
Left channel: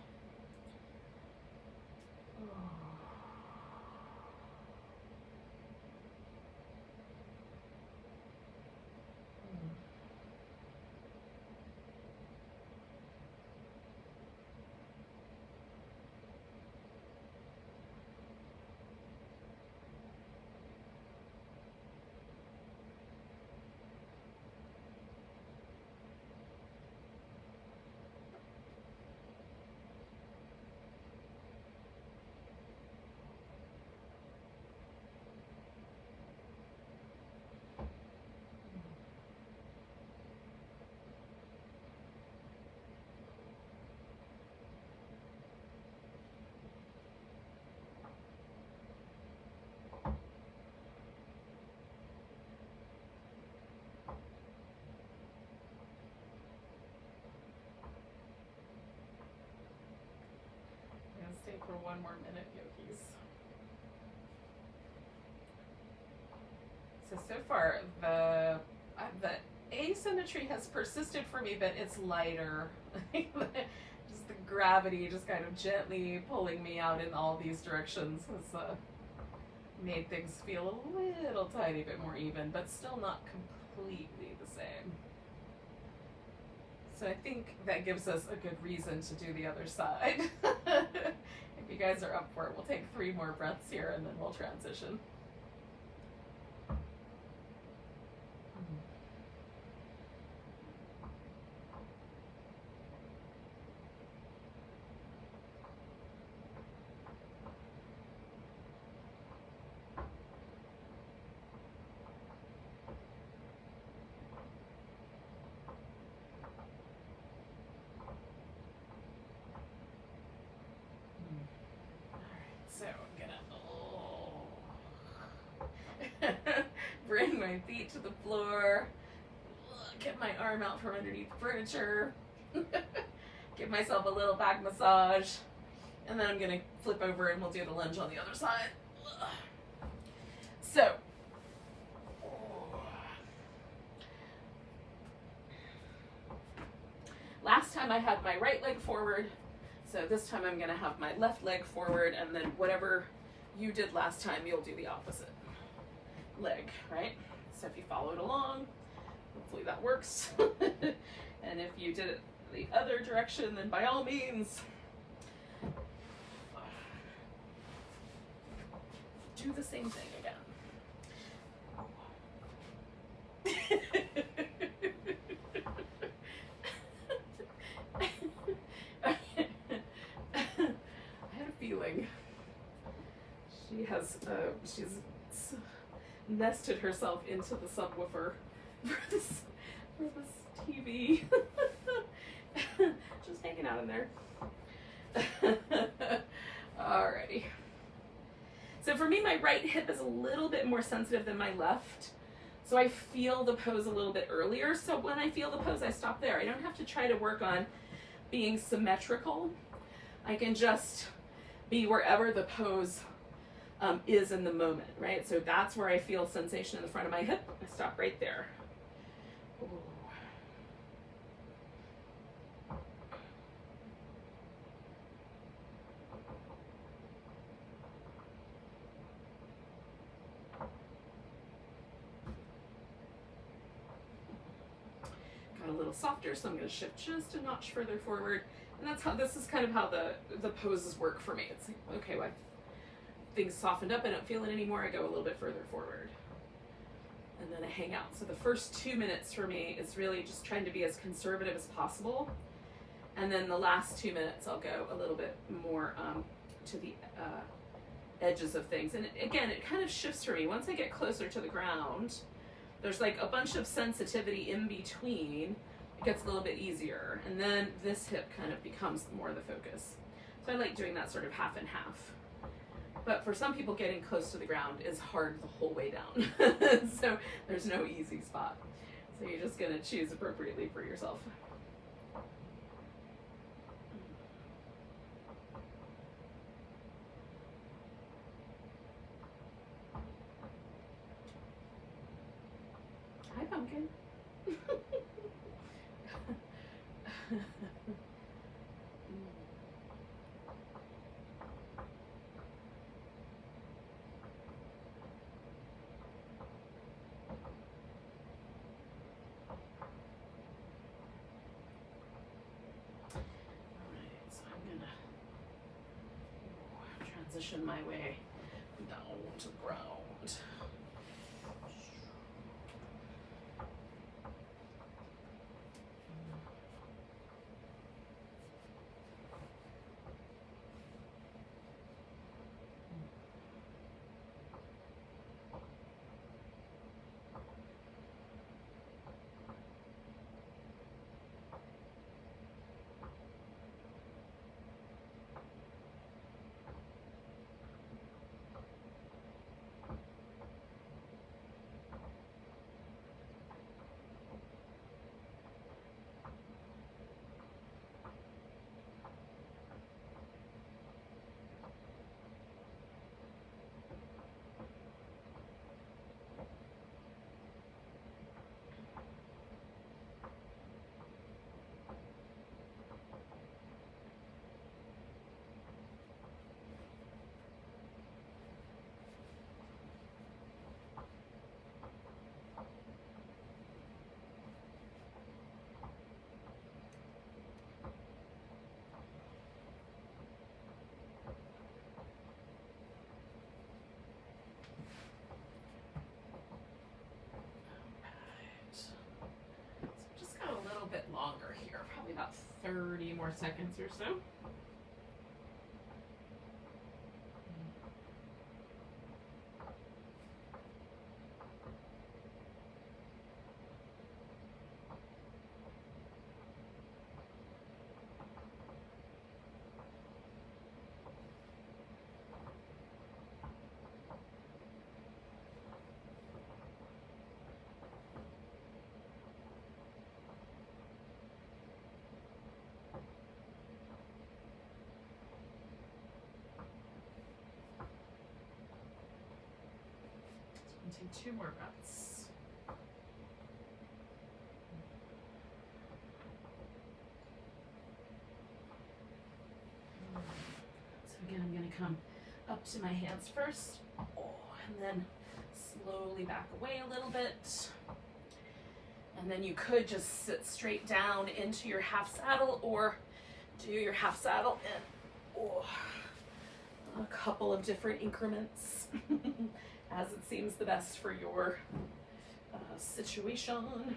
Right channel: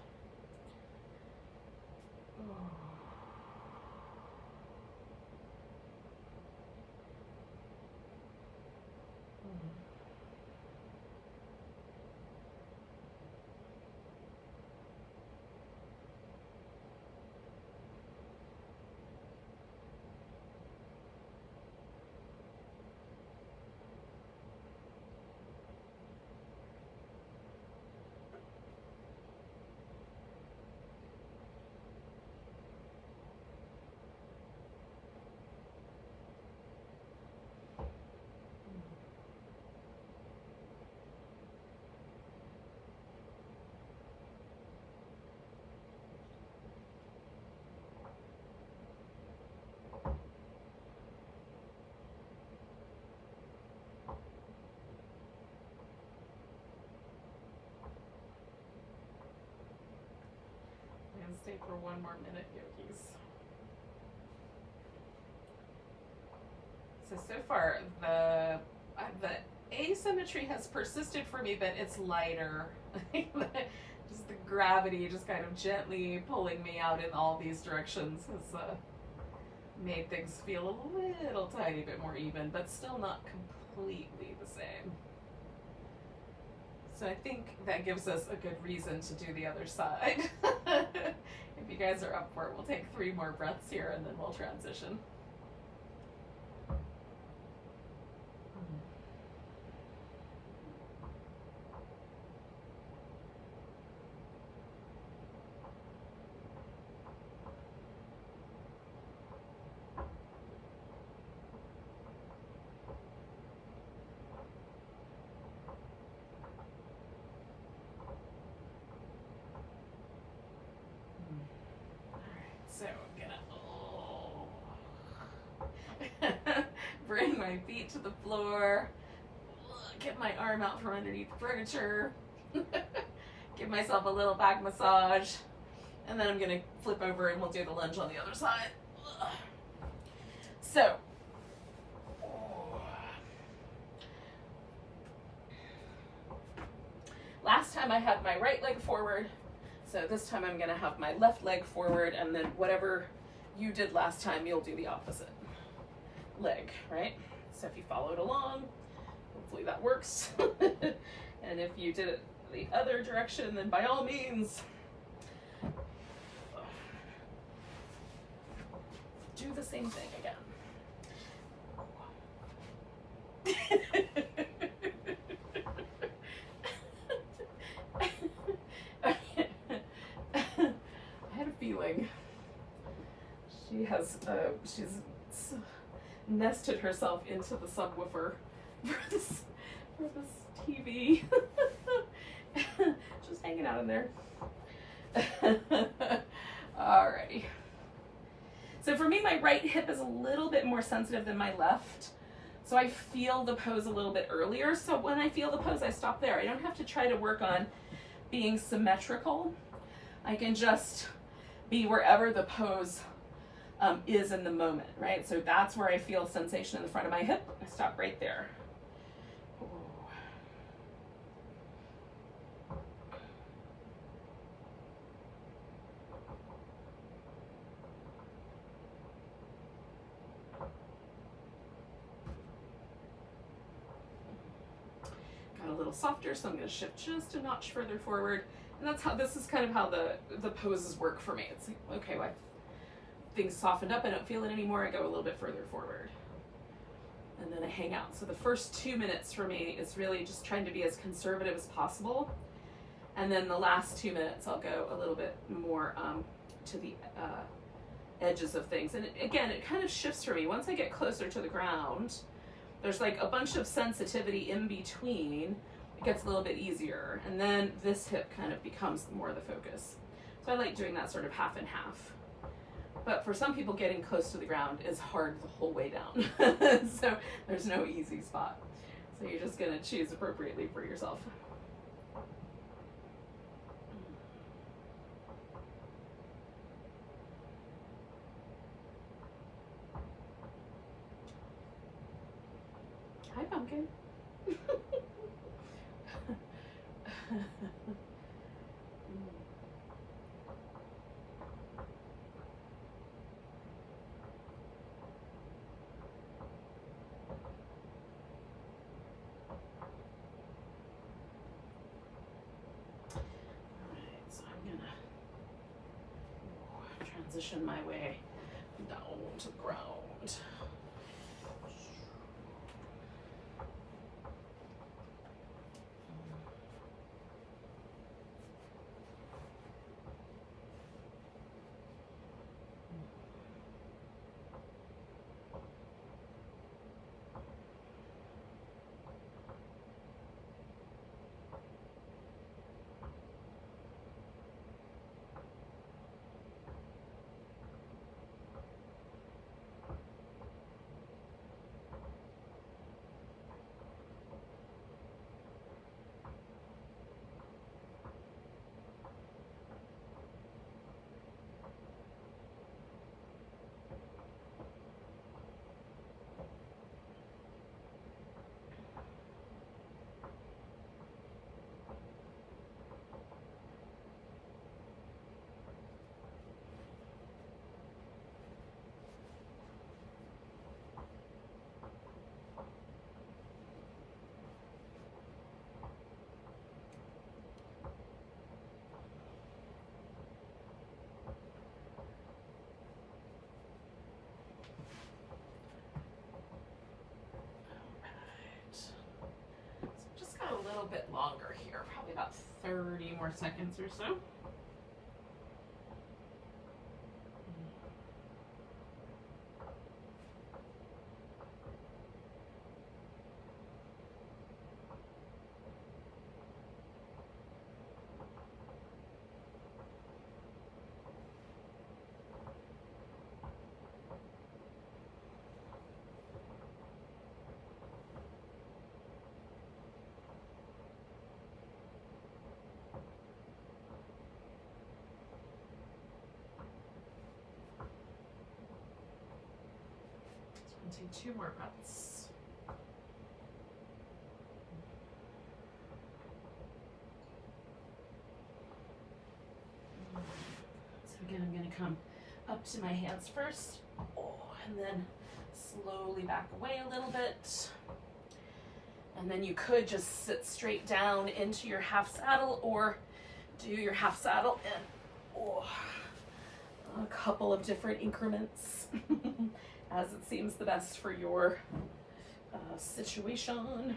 Stay for 1 more minute, yogis. So far, the asymmetry has persisted for me, but it's lighter. Just the gravity just kind of gently pulling me out in all these directions has made things feel a little tiny bit more even, but still not completely the same. So I think that gives us a good reason to do the other side. If you guys are up for it, we'll take 3 more breaths here and then we'll transition. So I'm gonna bring my feet to the floor, get my arm out from underneath the furniture, give myself a little back massage, and then I'm gonna flip over and we'll do the lunge on the other side. So, last time I had my right leg forward. So this time I'm gonna have my left leg forward, and then whatever you did last time, you'll do the opposite leg, right? So if you followed along, hopefully that works. And if you did it the other direction, then by all means, do the same thing again. She's nested herself into the subwoofer for this TV. Just hanging out in there. Alrighty. So for me, my right hip is a little bit more sensitive than my left. So I feel the pose a little bit earlier. So when I feel the pose, I stop there. I don't have to try to work on being symmetrical. I can just be wherever the pose is in the moment, right? So that's where I feel sensation in the front of my hip. I stop right there. Ooh. Got a little softer, so I'm going to shift just a notch further forward. And that's how, this is kind of how the poses work for me. It's like, okay, well, things softened up, I don't feel it anymore, I go a little bit further forward. And then I hang out. So the first 2 minutes for me is really just trying to be as conservative as possible. And then the last 2 minutes, I'll go a little bit more to the edges of things. And again, it kind of shifts for me. Once I get closer to the ground, there's like a bunch of sensitivity in between. It gets a little bit easier. And then this hip kind of becomes more the focus. So I like doing that sort of half and half. But for some people, getting close to the ground is hard the whole way down. So there's no easy spot. So you're just going to choose appropriately for yourself. Hi, pumpkin. Transition my way down to the ground. A little bit longer here, probably about 30 more seconds or so. Do 2 more breaths. So again, I'm going to come up to my hands first, and then slowly back away a little bit. And then you could just sit straight down into your half saddle, or do your half saddle in a couple of different increments. As it seems the best for your situation. And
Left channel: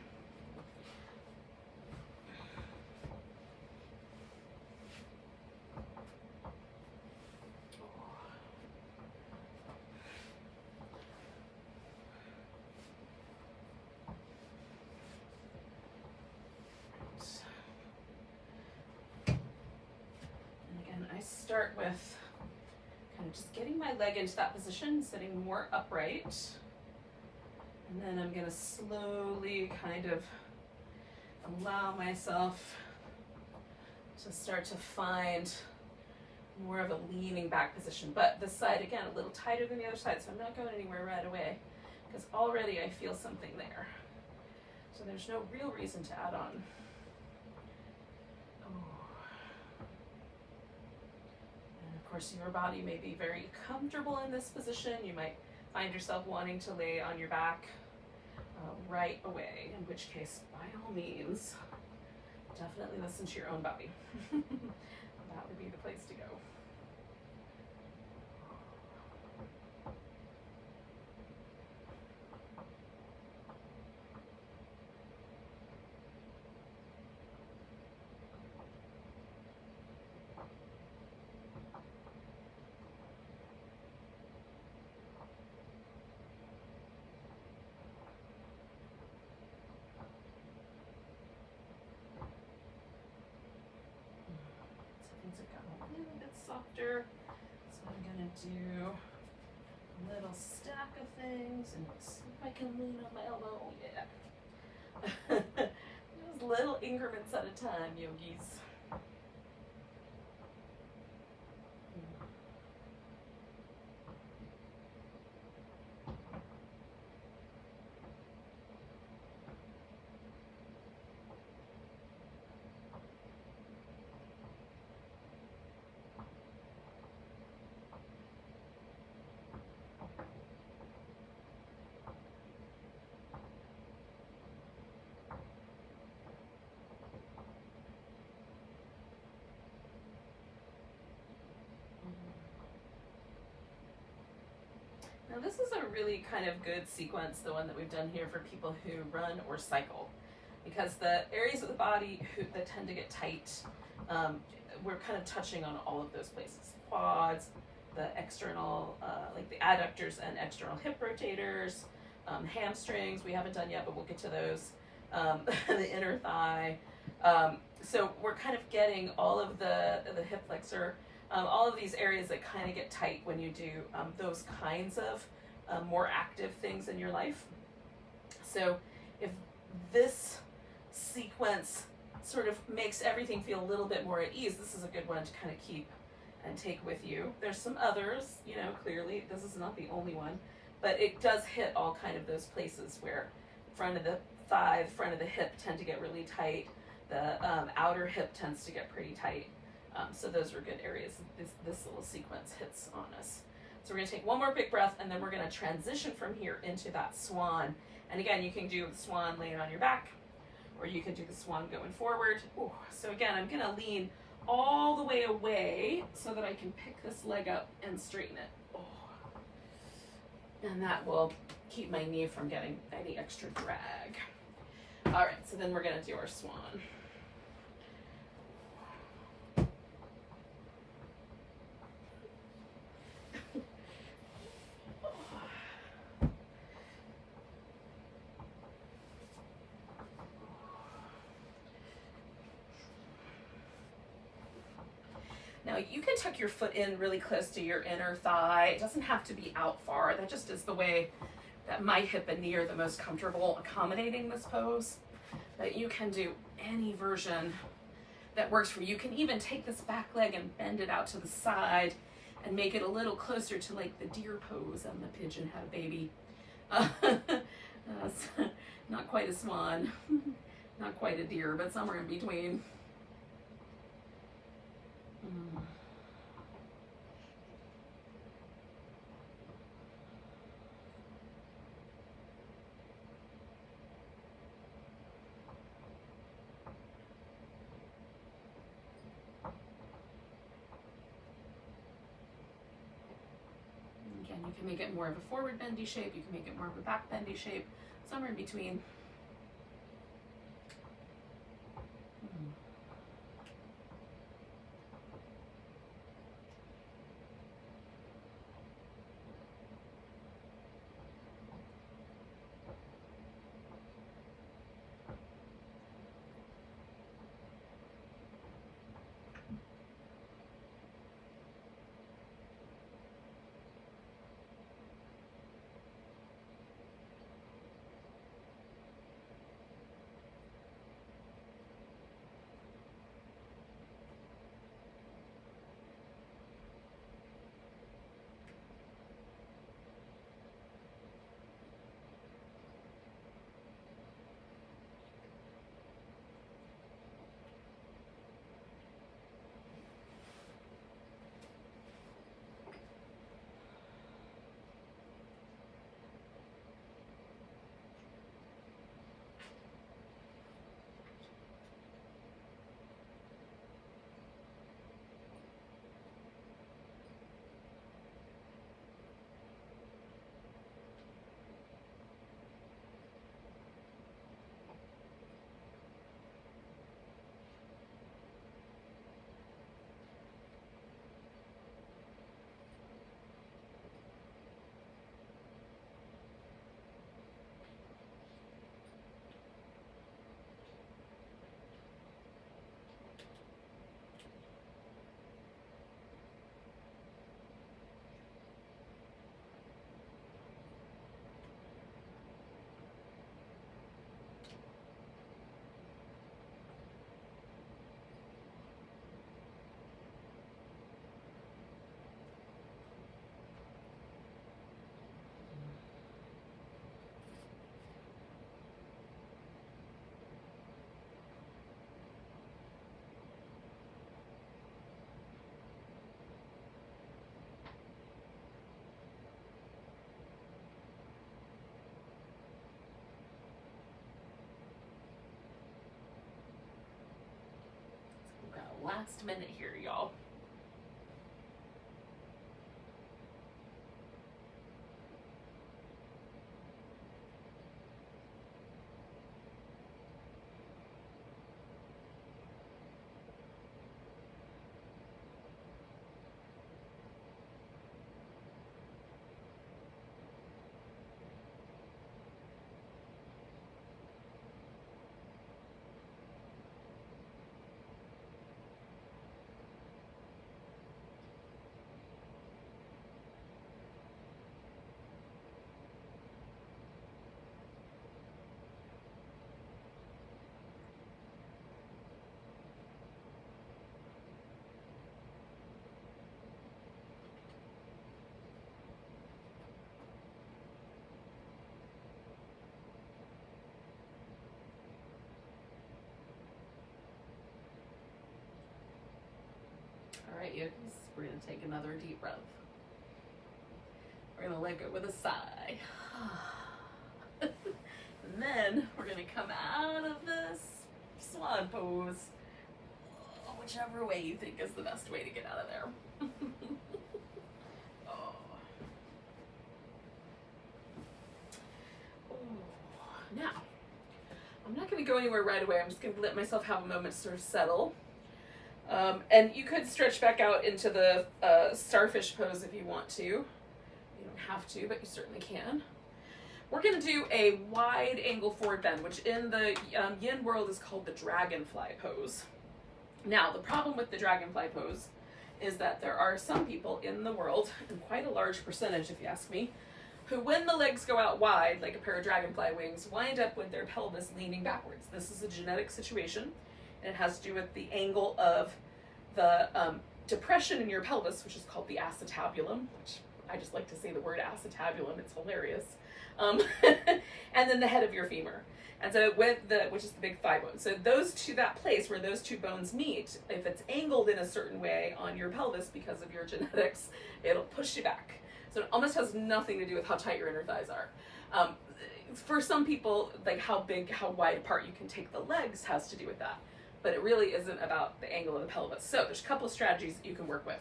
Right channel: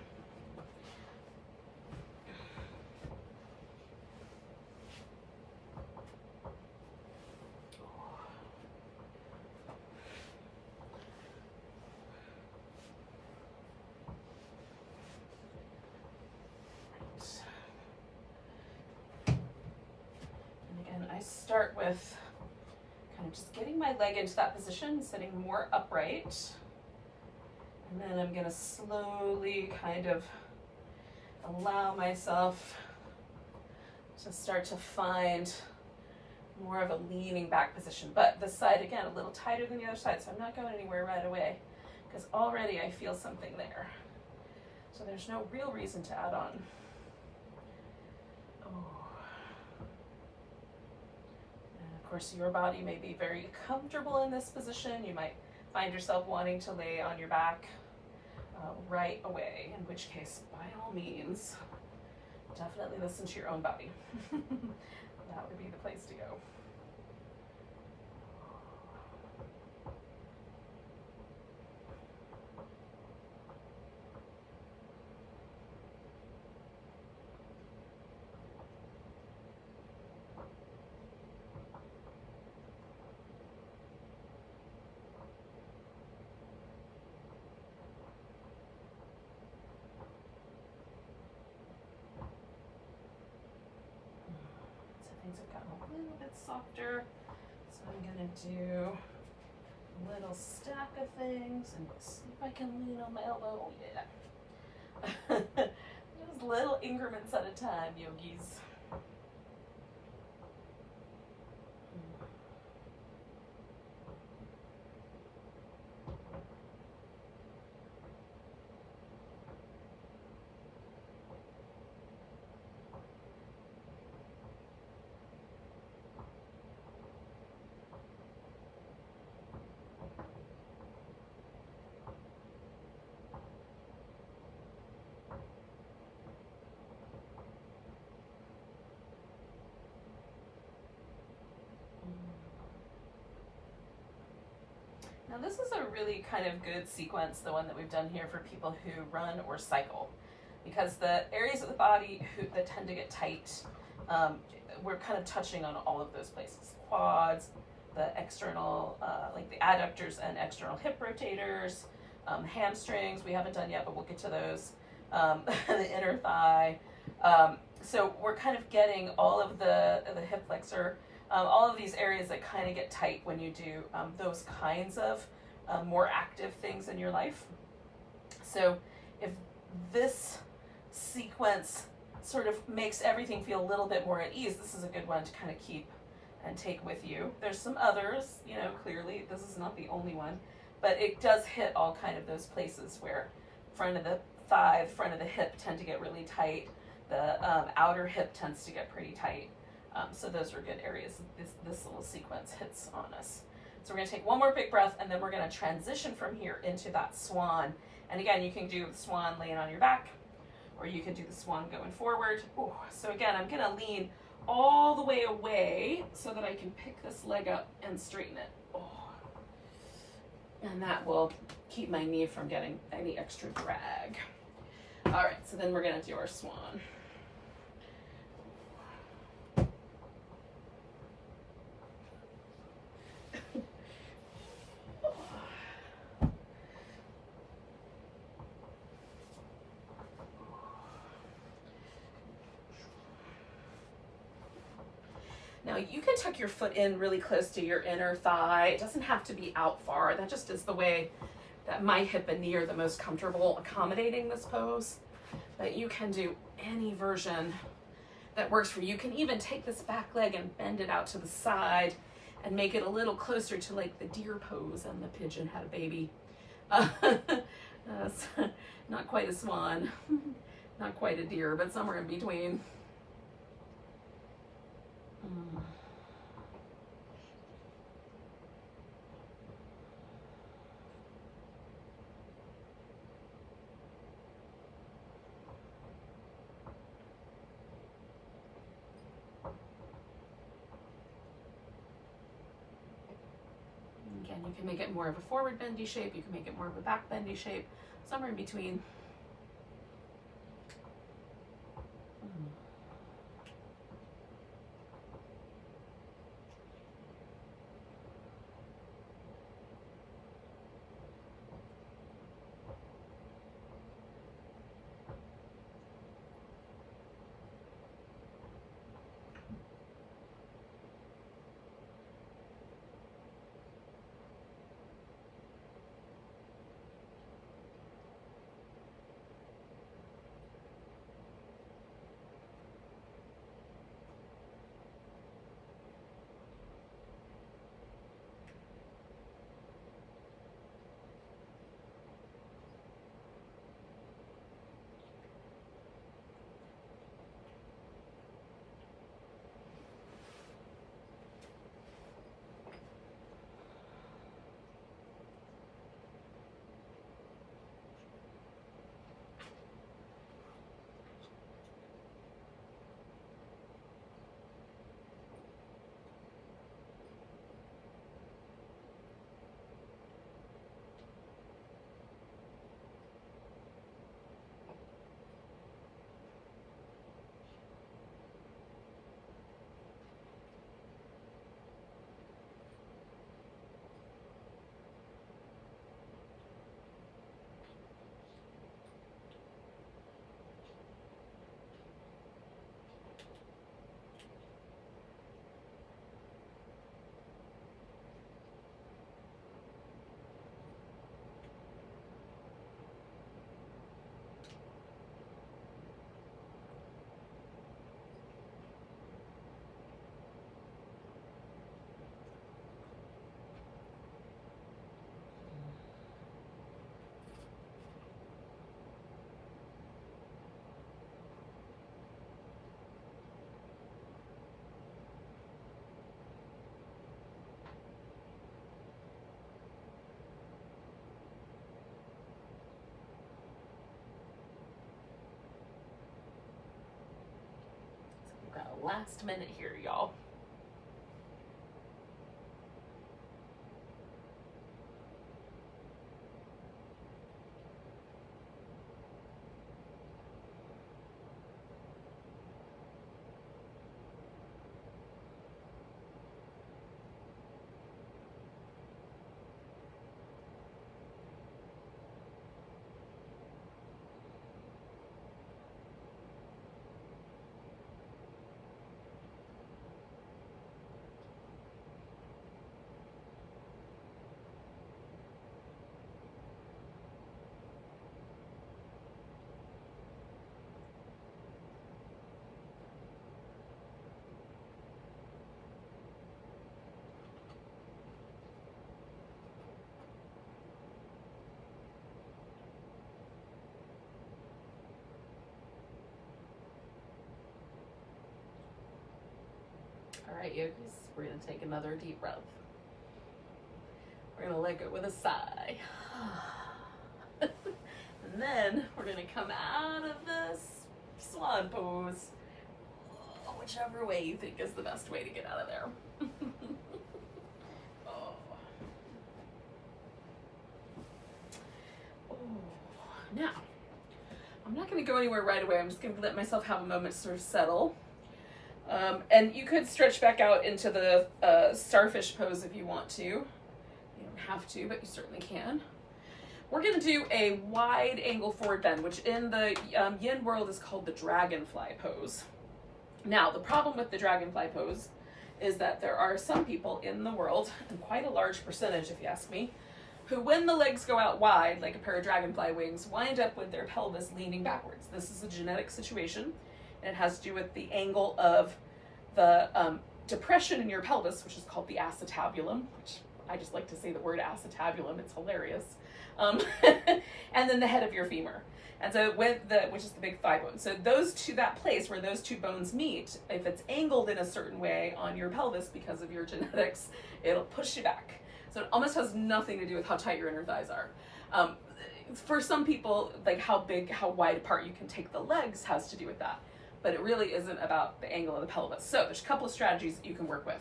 again, I start with kind of just getting my leg into that position, sitting more upright. And then I'm going to slowly kind of allow myself to start to find more of a leaning back position. But this side, again, a little tighter than the other side, so I'm not going anywhere right away because already I feel something there. So there's no real reason to add on. Oh. And of course, your body may be very comfortable in this position. You might find yourself wanting to lay on your back right away, in which case, by all means, definitely listen to your own body. That would be the place to go. Things have gotten a little bit softer, so I'm gonna do a little stack of things and see if I can lean on my elbow. Yeah. Just little increments at a time, yogis. Now this is a really kind of good sequence, the one that we've done here for people who run or cycle, because the areas of the body that tend to get tight, we're kind of touching on all of those places. Quads, the external, like the adductors and external hip rotators, hamstrings, we haven't done yet, but we'll get to those, the inner thigh. So we're kind of getting all of the hip flexor, all of these areas that kind of get tight when you do those kinds of more active things in your life. So if this sequence sort of makes everything feel a little bit more at ease, this is a good one to kind of keep and take with you. There's some others, you know, clearly this is not the only one, but it does hit all kind of those places where front of the thigh, front of the hip tend to get really tight. The outer hip tends to get pretty tight. So those are good areas this little sequence hits on us. So we're going to take one more big breath, and then we're going to transition from here into that swan. And again, you can do the swan laying on your back, or you could do the swan going forward. Ooh. So again, I'm going to lean all the way away so that I can pick this leg up and straighten it. Oh. And that will keep my knee from getting any extra drag. All right, so then we're going to do our swan. Now you can tuck your foot in really close to your inner thigh. It doesn't have to be out far. That just is the way that my hip and knee are the most comfortable accommodating this pose. But you can do any version that works for you. You can even take this back leg and bend it out to the side and make it a little closer to like the deer pose and the pigeon had a baby. Not quite a swan, not quite a deer, but somewhere in between. Again, you can make it more of a forward bendy shape, you can make it more of a back bendy shape, somewhere in between. last minute here, y'all. All right, yogis, we're gonna take another deep breath. We're gonna let go with a sigh. And then we're gonna come out of this swan pose, whichever way you think is the best way to get out of there. Oh. Oh. Now, I'm not gonna go anywhere right away. I'm just gonna let myself have a moment to sort of settle. And you could stretch back out into the starfish pose if you want to. You don't have to, but you certainly can. We're going to do a wide angle forward bend, which in the yin world is called the Dragonfly Pose. Now, the problem with the Dragonfly Pose is that there are some people in the world, and quite a large percentage if you ask me, who when the legs go out wide, like a pair of dragonfly wings, wind up with their pelvis leaning backwards. This is a genetic situation. And it has to do with the angle of the depression in your pelvis, which is called the acetabulum, which I just like to say the word acetabulum, it's hilarious. And then the head of your femur. And so which is the big thigh bone. So that place where those two bones meet, if it's angled in a certain way on your pelvis because of your genetics, it'll push you back. So it almost has nothing to do with how tight your inner thighs are. For some people, like how wide apart you can take the legs has to do with that. But it really isn't about the angle of the pelvis. So there's a couple of strategies that you can work with.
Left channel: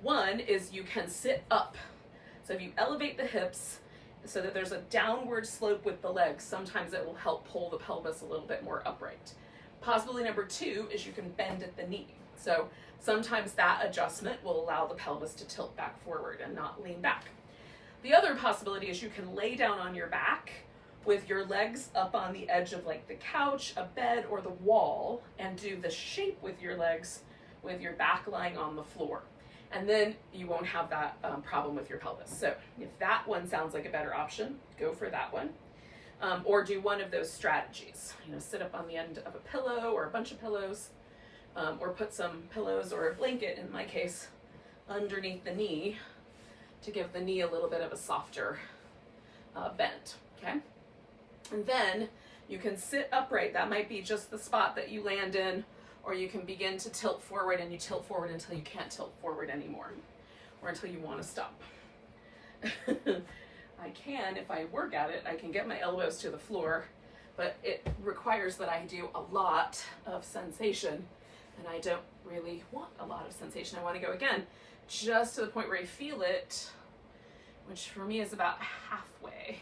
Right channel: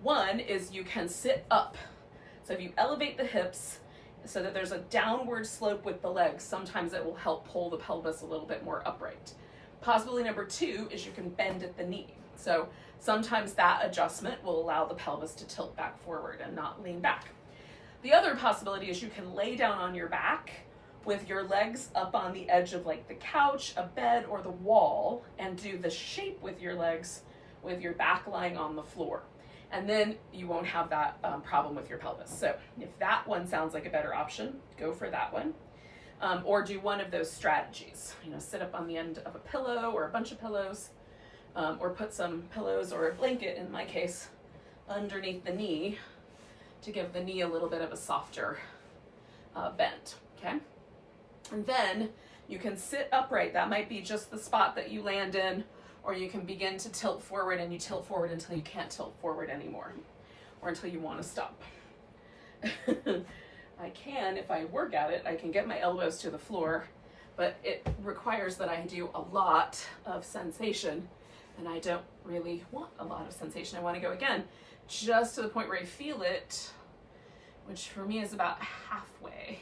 One is you can sit up. So if you elevate the hips so that there's a downward slope with the legs, sometimes it will help pull the pelvis a little bit more upright. Possibility number two is you can bend at the knee. So sometimes that adjustment will allow the pelvis to tilt back forward and not lean back. The other possibility is you can lay down on your back with your legs up on the edge of like the couch, a bed, or the wall, and do the shape with your legs with your back lying on the floor. And then you won't have that problem with your pelvis. So if that one sounds like a better option, go for that one. Or do one of those strategies. Sit up on the end of a pillow or a bunch of pillows, or put some pillows or a blanket, in my case, underneath the knee to give the knee a little bit of a softer bend, okay? And then you can sit upright. That might be just the spot that you land in, or you can begin to tilt forward, and you tilt forward until you can't tilt forward anymore, or until you want to stop. I can, if I work at it, I can get my elbows to the floor, but it requires that I do a lot of sensation, and I don't really want a lot of sensation. I want to go again, just to the point where I feel it, which for me is about halfway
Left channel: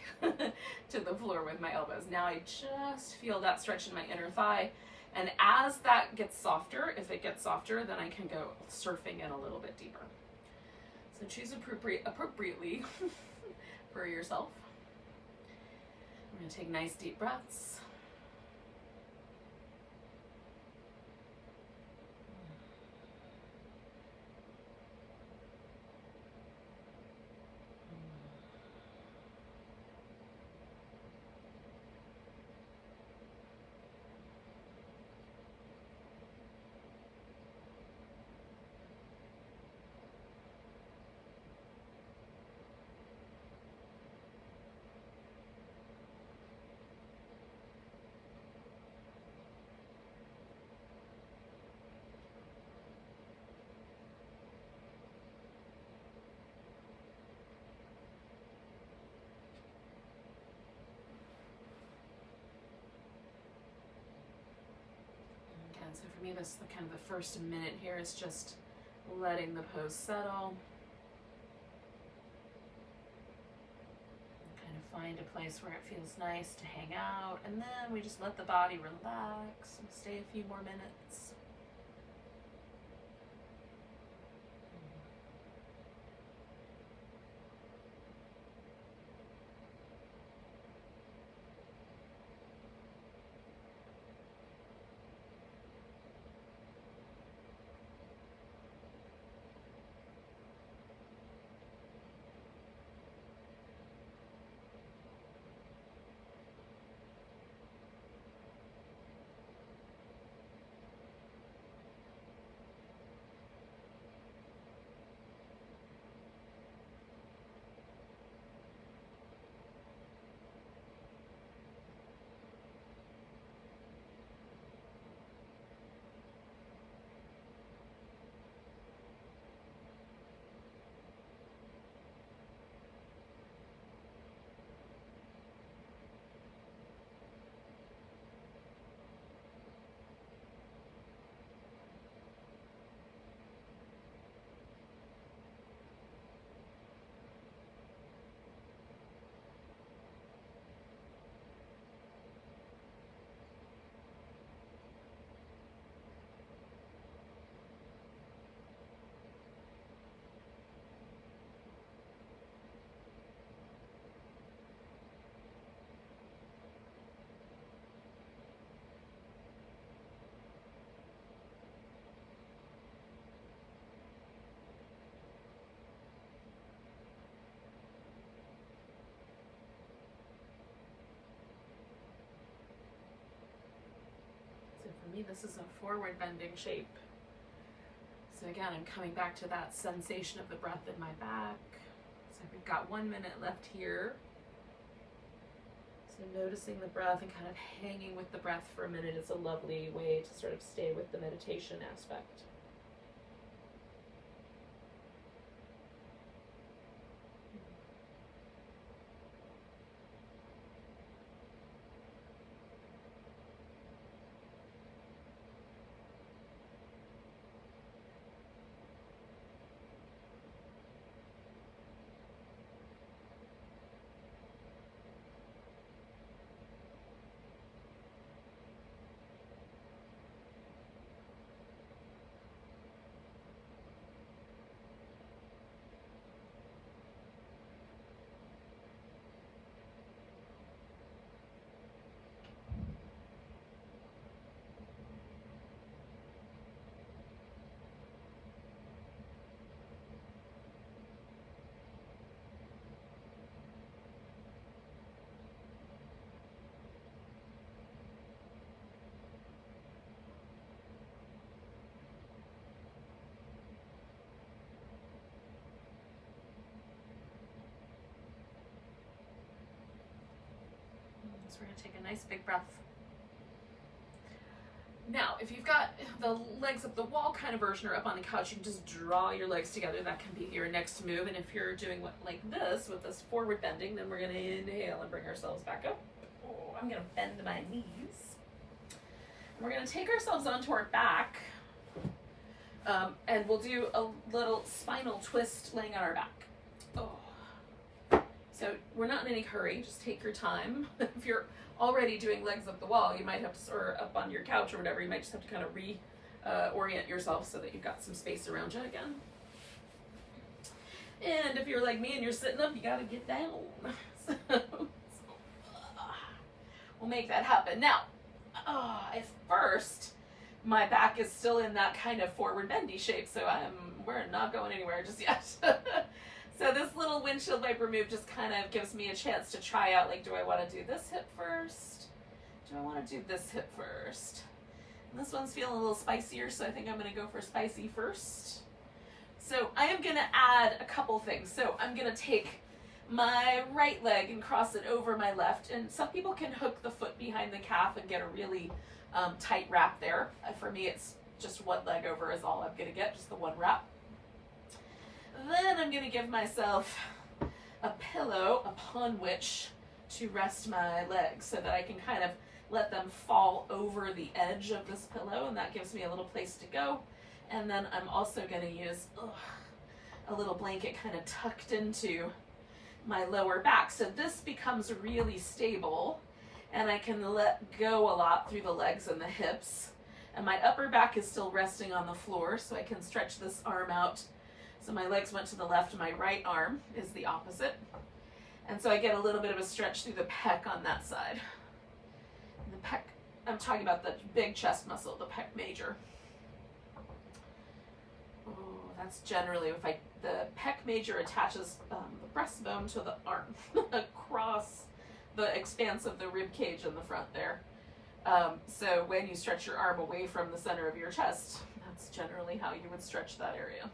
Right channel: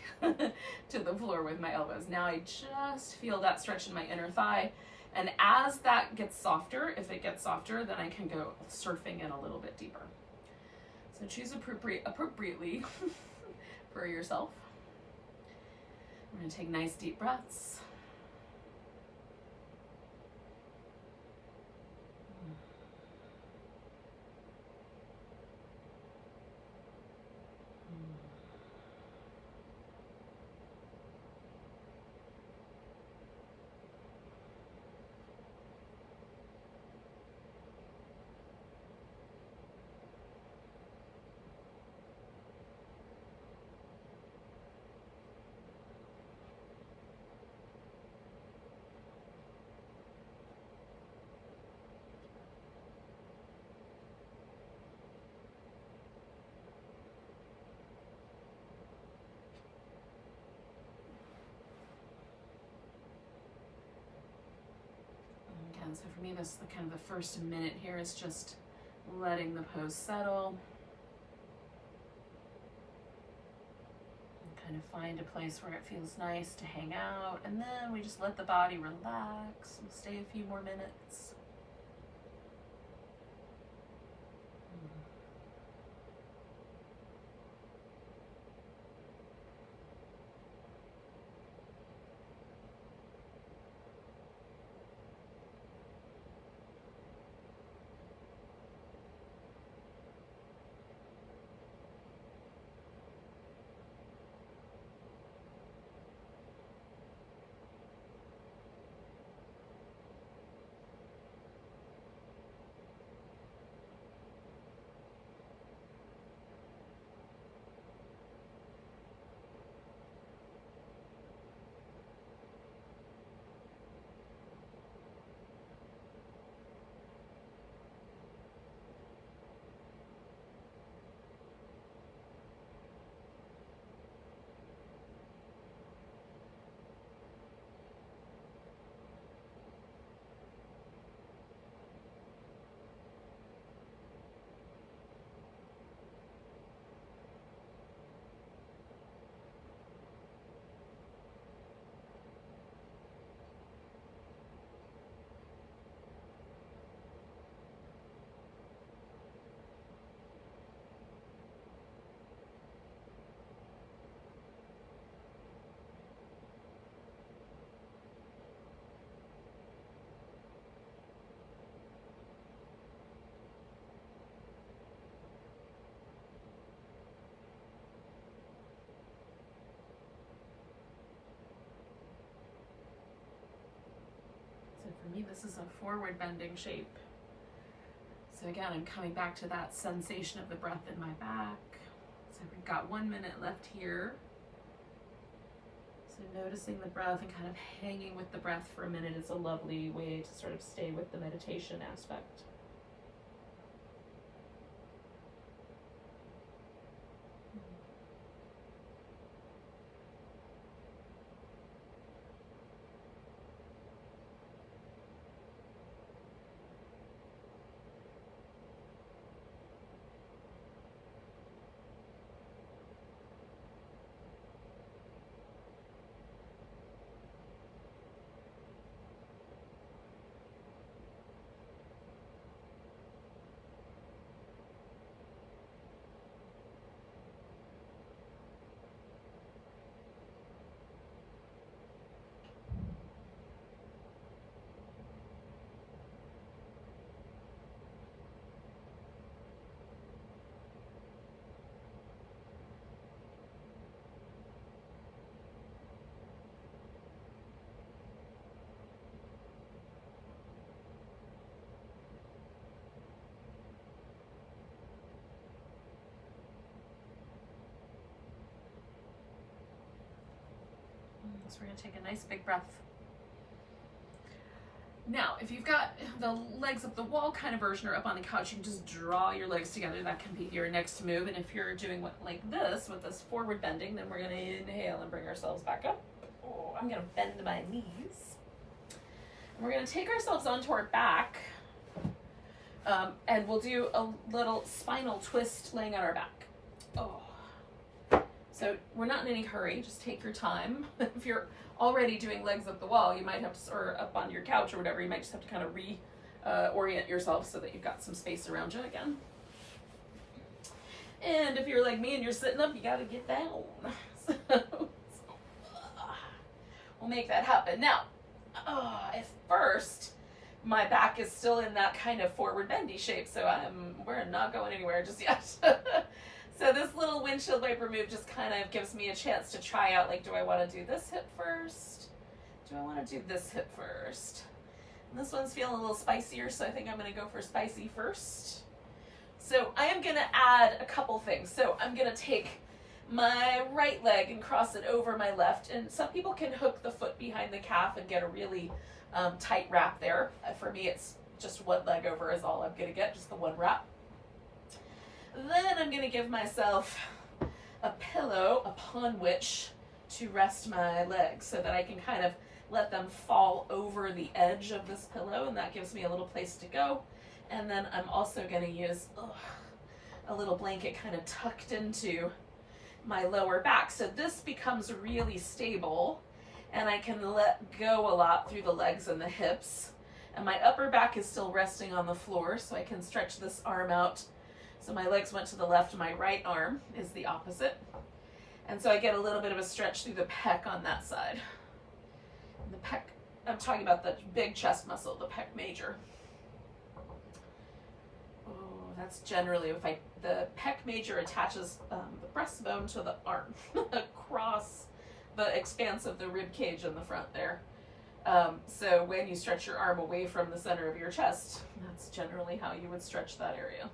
to the floor with my elbows. Now I just feel that stretch in my inner thigh. And as that gets softer, if it gets softer, then I can go surfing in a little bit deeper. So choose appropriately for yourself. I'm going to take nice deep breaths. again, so for me, this the kind of the first minute here is just letting the pose settle. And kind of find a place where it feels nice to hang out, and then we just let the body relax and stay a few more minutes. So for me, this is a forward bending shape. So again, I'm coming back to that sensation of the breath in my back. So we've got 1 minute left here. So noticing the breath and kind of hanging with the breath for a minute is a lovely way to sort of stay with the meditation aspect. So we're going to take a nice big breath. Now, if you've got the legs up the wall kind of version or up on the couch, you can just draw your legs together. That can be your next move. And if you're doing like this with this forward bending, then we're going to inhale and bring ourselves back up. Oh, I'm going to bend my knees. And we're going to take ourselves onto our back. And we'll do a little spinal twist laying on our back. Oh. So we're not in any hurry, just take your time. If you're already doing legs up the wall, you might have to, or up on your couch or whatever, you might just have to kind of orient yourself so that you've got some space around you again. And if you're like me and you're sitting up, you gotta get down. We'll make that happen. Now, at first, my back is still in that kind of forward bendy shape, so we're not going anywhere just yet. So this little windshield wiper move just kind of gives me a chance to try out, like, do I want to do this hip first? Do I want to do this hip first? And this one's feeling a little spicier, so I think I'm going to go for spicy first. So I am going to add a couple things. So I'm going to take my right leg and cross it over my left. And some people can hook the foot behind the calf and get a really tight wrap there. For me, it's just one leg over is all I'm going to get, just the one wrap. Then I'm going to give myself a pillow upon which to rest my legs so that I can kind of let them fall over the edge of this pillow, and that gives me a little place to go. And then I'm also going to use a little blanket kind of tucked into my lower back. So this becomes really stable, and I can let go a lot through the legs and the hips. And my upper back is still resting on the floor, so I can stretch this arm out. So my legs went to the left, my right arm is the opposite. And so I get a little bit of a stretch through the pec on that side. And the pec, I'm talking about the big chest muscle, the pec major. Oh, that's generally, the pec major attaches the breastbone to the arm across the expanse of the rib cage in the front there. So when you stretch your arm away from the center of your chest, that's generally how you would stretch that area.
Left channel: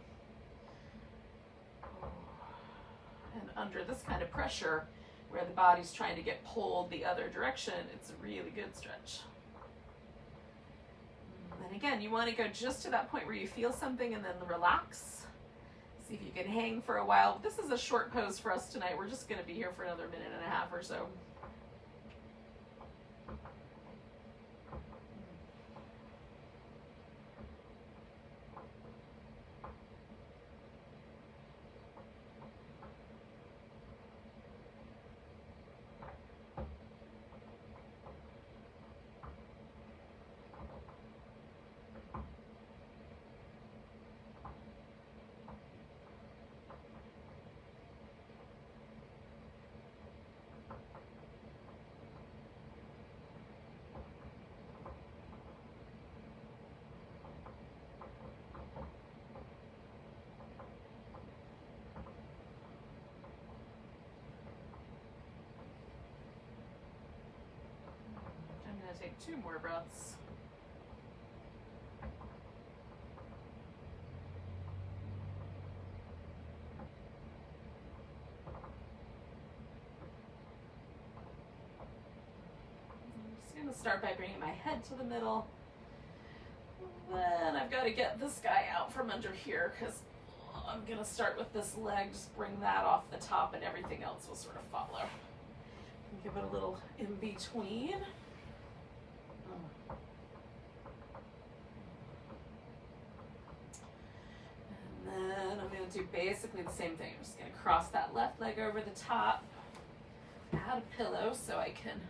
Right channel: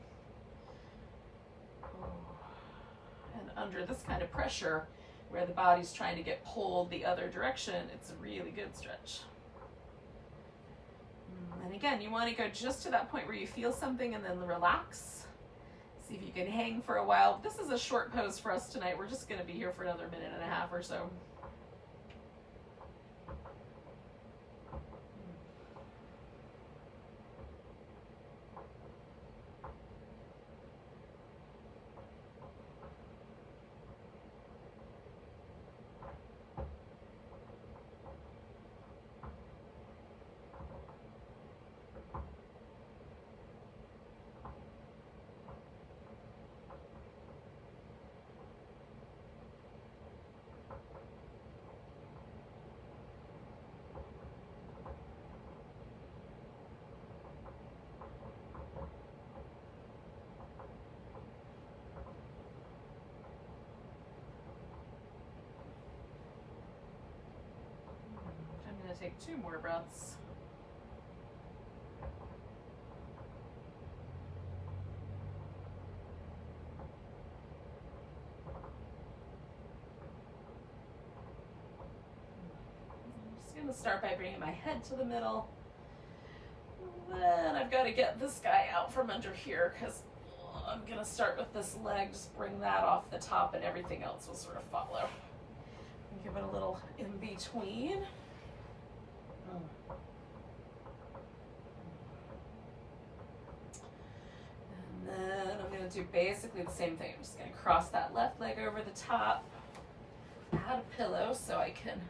And under this kind of pressure, where the body's trying to get pulled the other direction, it's a really good stretch. And again, you want to go just to that point where you feel something and then relax. See if you can hang for a while. This is a short pose for us tonight. We're just going to be here for another minute and a half or so. Take 2 more breaths. I'm just going to start by bringing my head to the middle. Then I've got to get this guy out from under here because I'm going to start with this leg. Just bring that off the top and everything else will sort of follow. Give it a little in between. And then I'm going to do basically the same thing. I'm just going to cross that left leg over the top, add a pillow so I can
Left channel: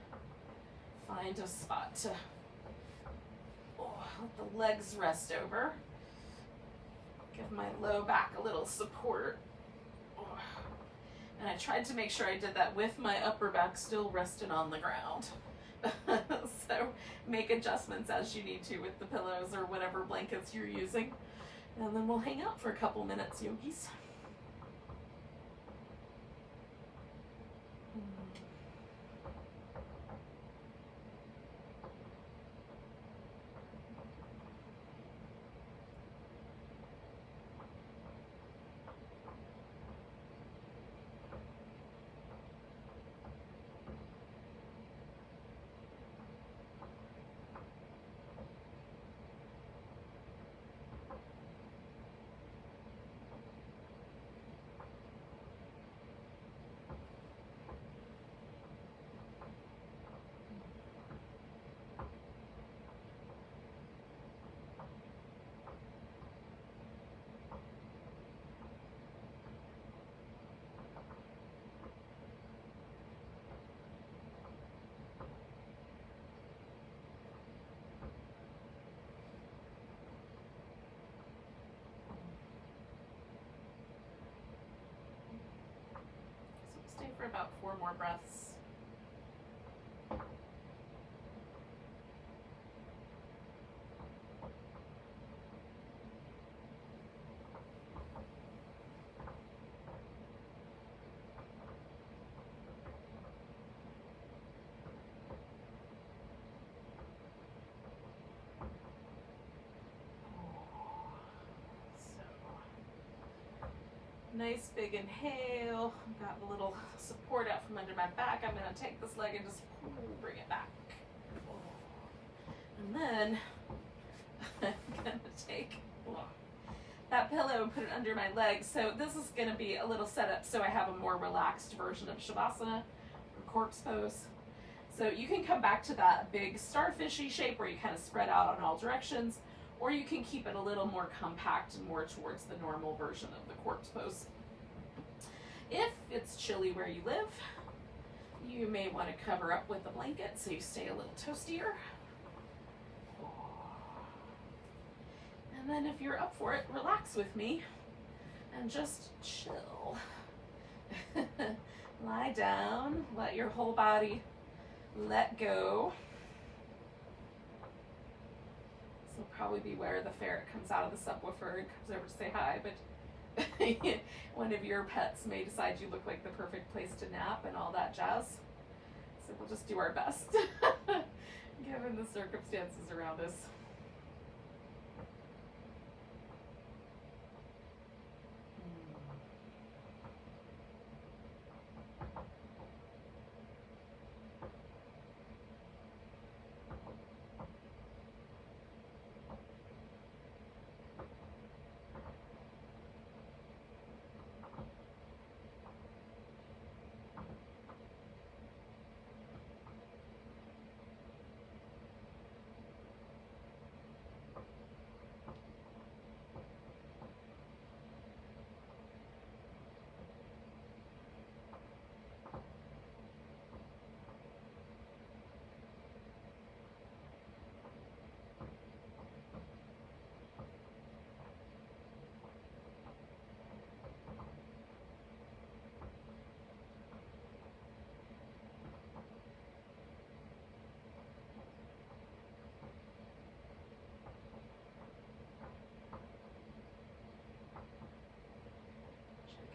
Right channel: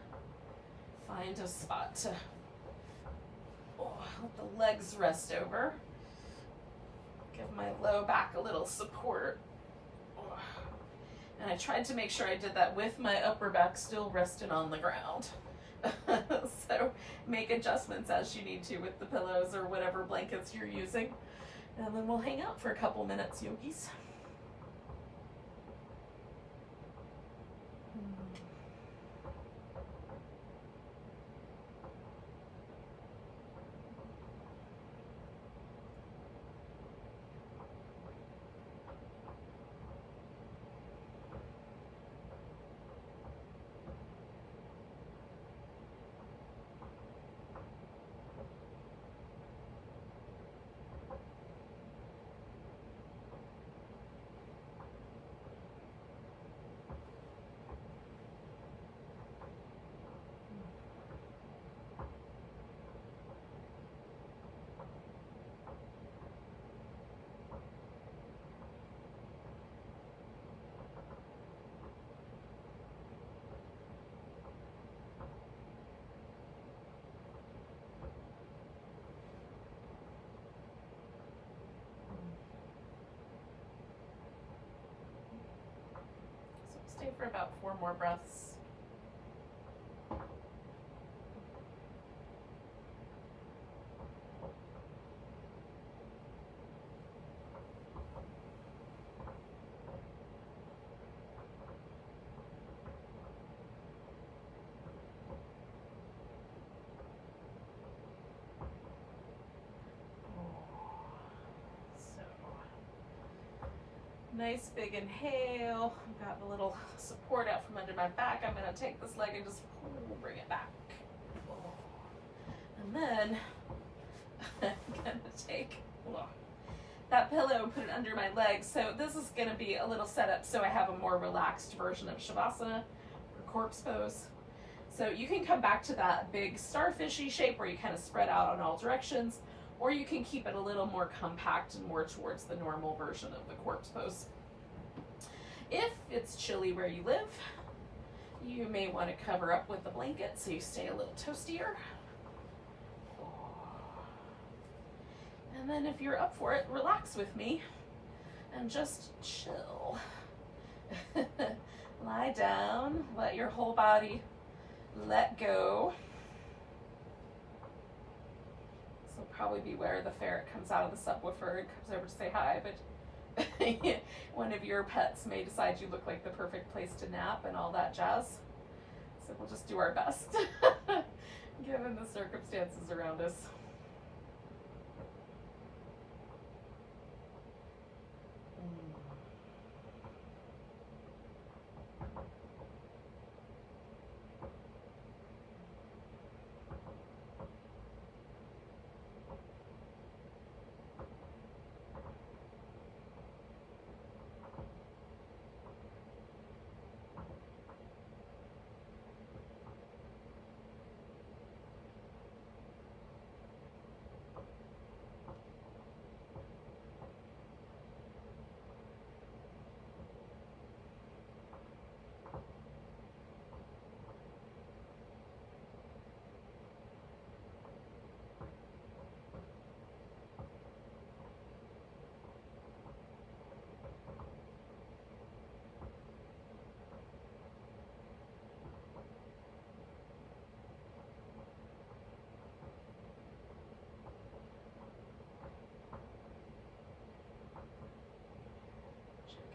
find a spot to let the legs rest over. Give my low back a little support. And I tried to make sure I did that with my upper back still resting on the ground. So make adjustments as you need to with the pillows or whatever blankets you're using. And then we'll hang out for a couple minutes, yogis. Stay for about 4 more breaths. Nice big inhale. I've got a little support out from under my back. I'm going to take this leg and just bring it back. And then I'm going to take that pillow and put it under my legs. So this is going to be a little setup so I have a more relaxed version of Shavasana or corpse pose. So you can come back to that big starfishy shape where you kind of spread out on all directions, or you can keep it a little more compact and more towards the normal version of the corpse pose. If it's chilly where you live, you may want to cover up with a blanket so you stay a little toastier. And then if you're up for it, relax with me and just chill. Lie down, let your whole body let go. This will probably be where the ferret comes out of the subwoofer and comes over to say hi, but one of your pets may decide you look like the perfect place to nap and all that jazz. So we'll just do our best, given the circumstances around us.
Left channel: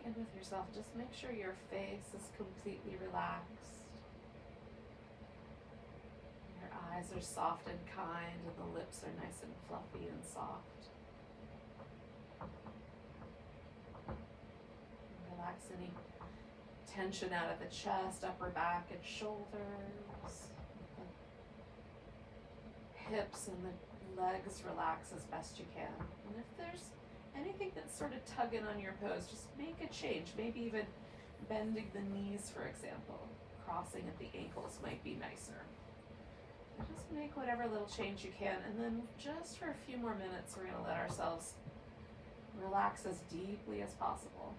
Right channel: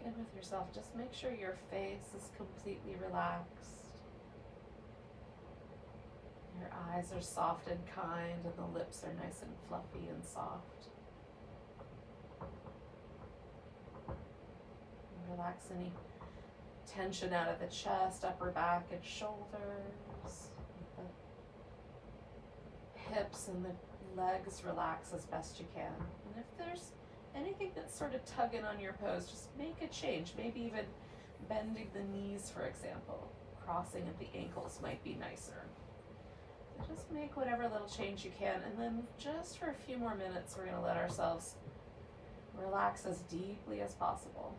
In with yourself, just make sure your face is completely relaxed. Your eyes are soft and kind, and the lips are nice and fluffy and soft. Relax any tension out of the chest, upper back, and shoulders. The hips and the legs relax as best you can. And if there's anything that's sort of tugging on your pose, just make a change. Maybe even bending the knees, for example. Crossing at the ankles might be nicer. So just make whatever little change you can, and then just for a few more minutes, we're going to let ourselves relax as deeply as possible.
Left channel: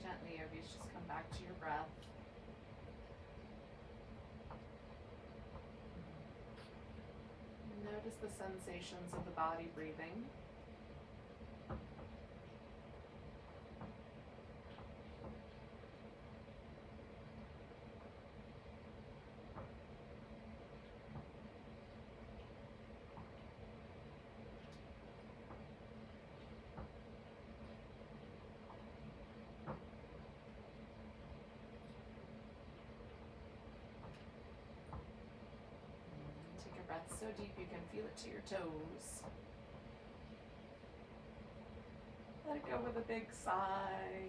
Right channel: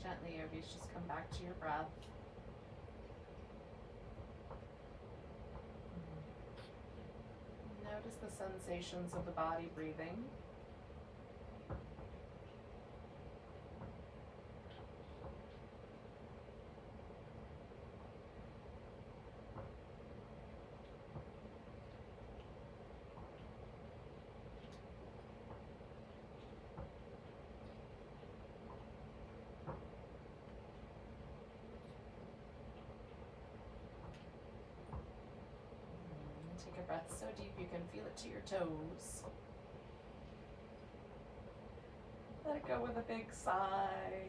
Gently, yogis, just come back to your breath. Notice the sensations of the body breathing. breath so deep you can feel it to your toes. Let it go with a big sigh.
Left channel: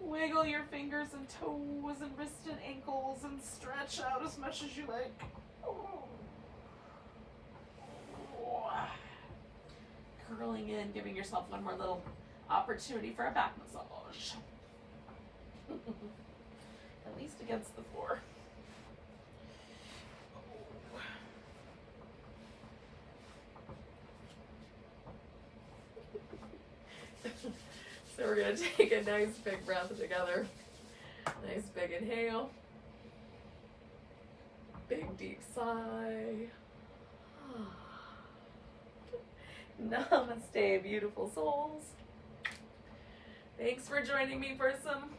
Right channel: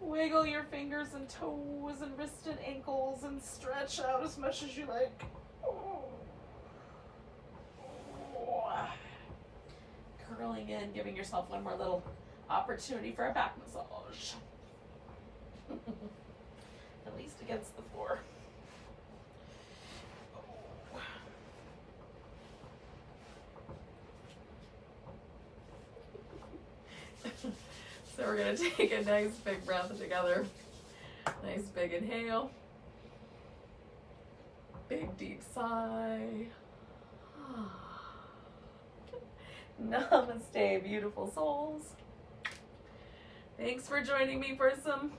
Wiggle your fingers and toes and wrists and ankles and stretch out as much as you like. Curling in, giving yourself one more little opportunity for a back massage. At least against the floor. So we're going to take a nice big breath together. Nice big inhale. Big deep sigh. Namaste, beautiful souls. Thanks for joining me for some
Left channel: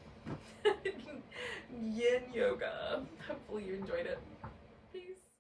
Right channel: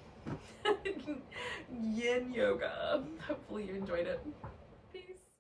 yin yoga. Hopefully you enjoyed it. Peace.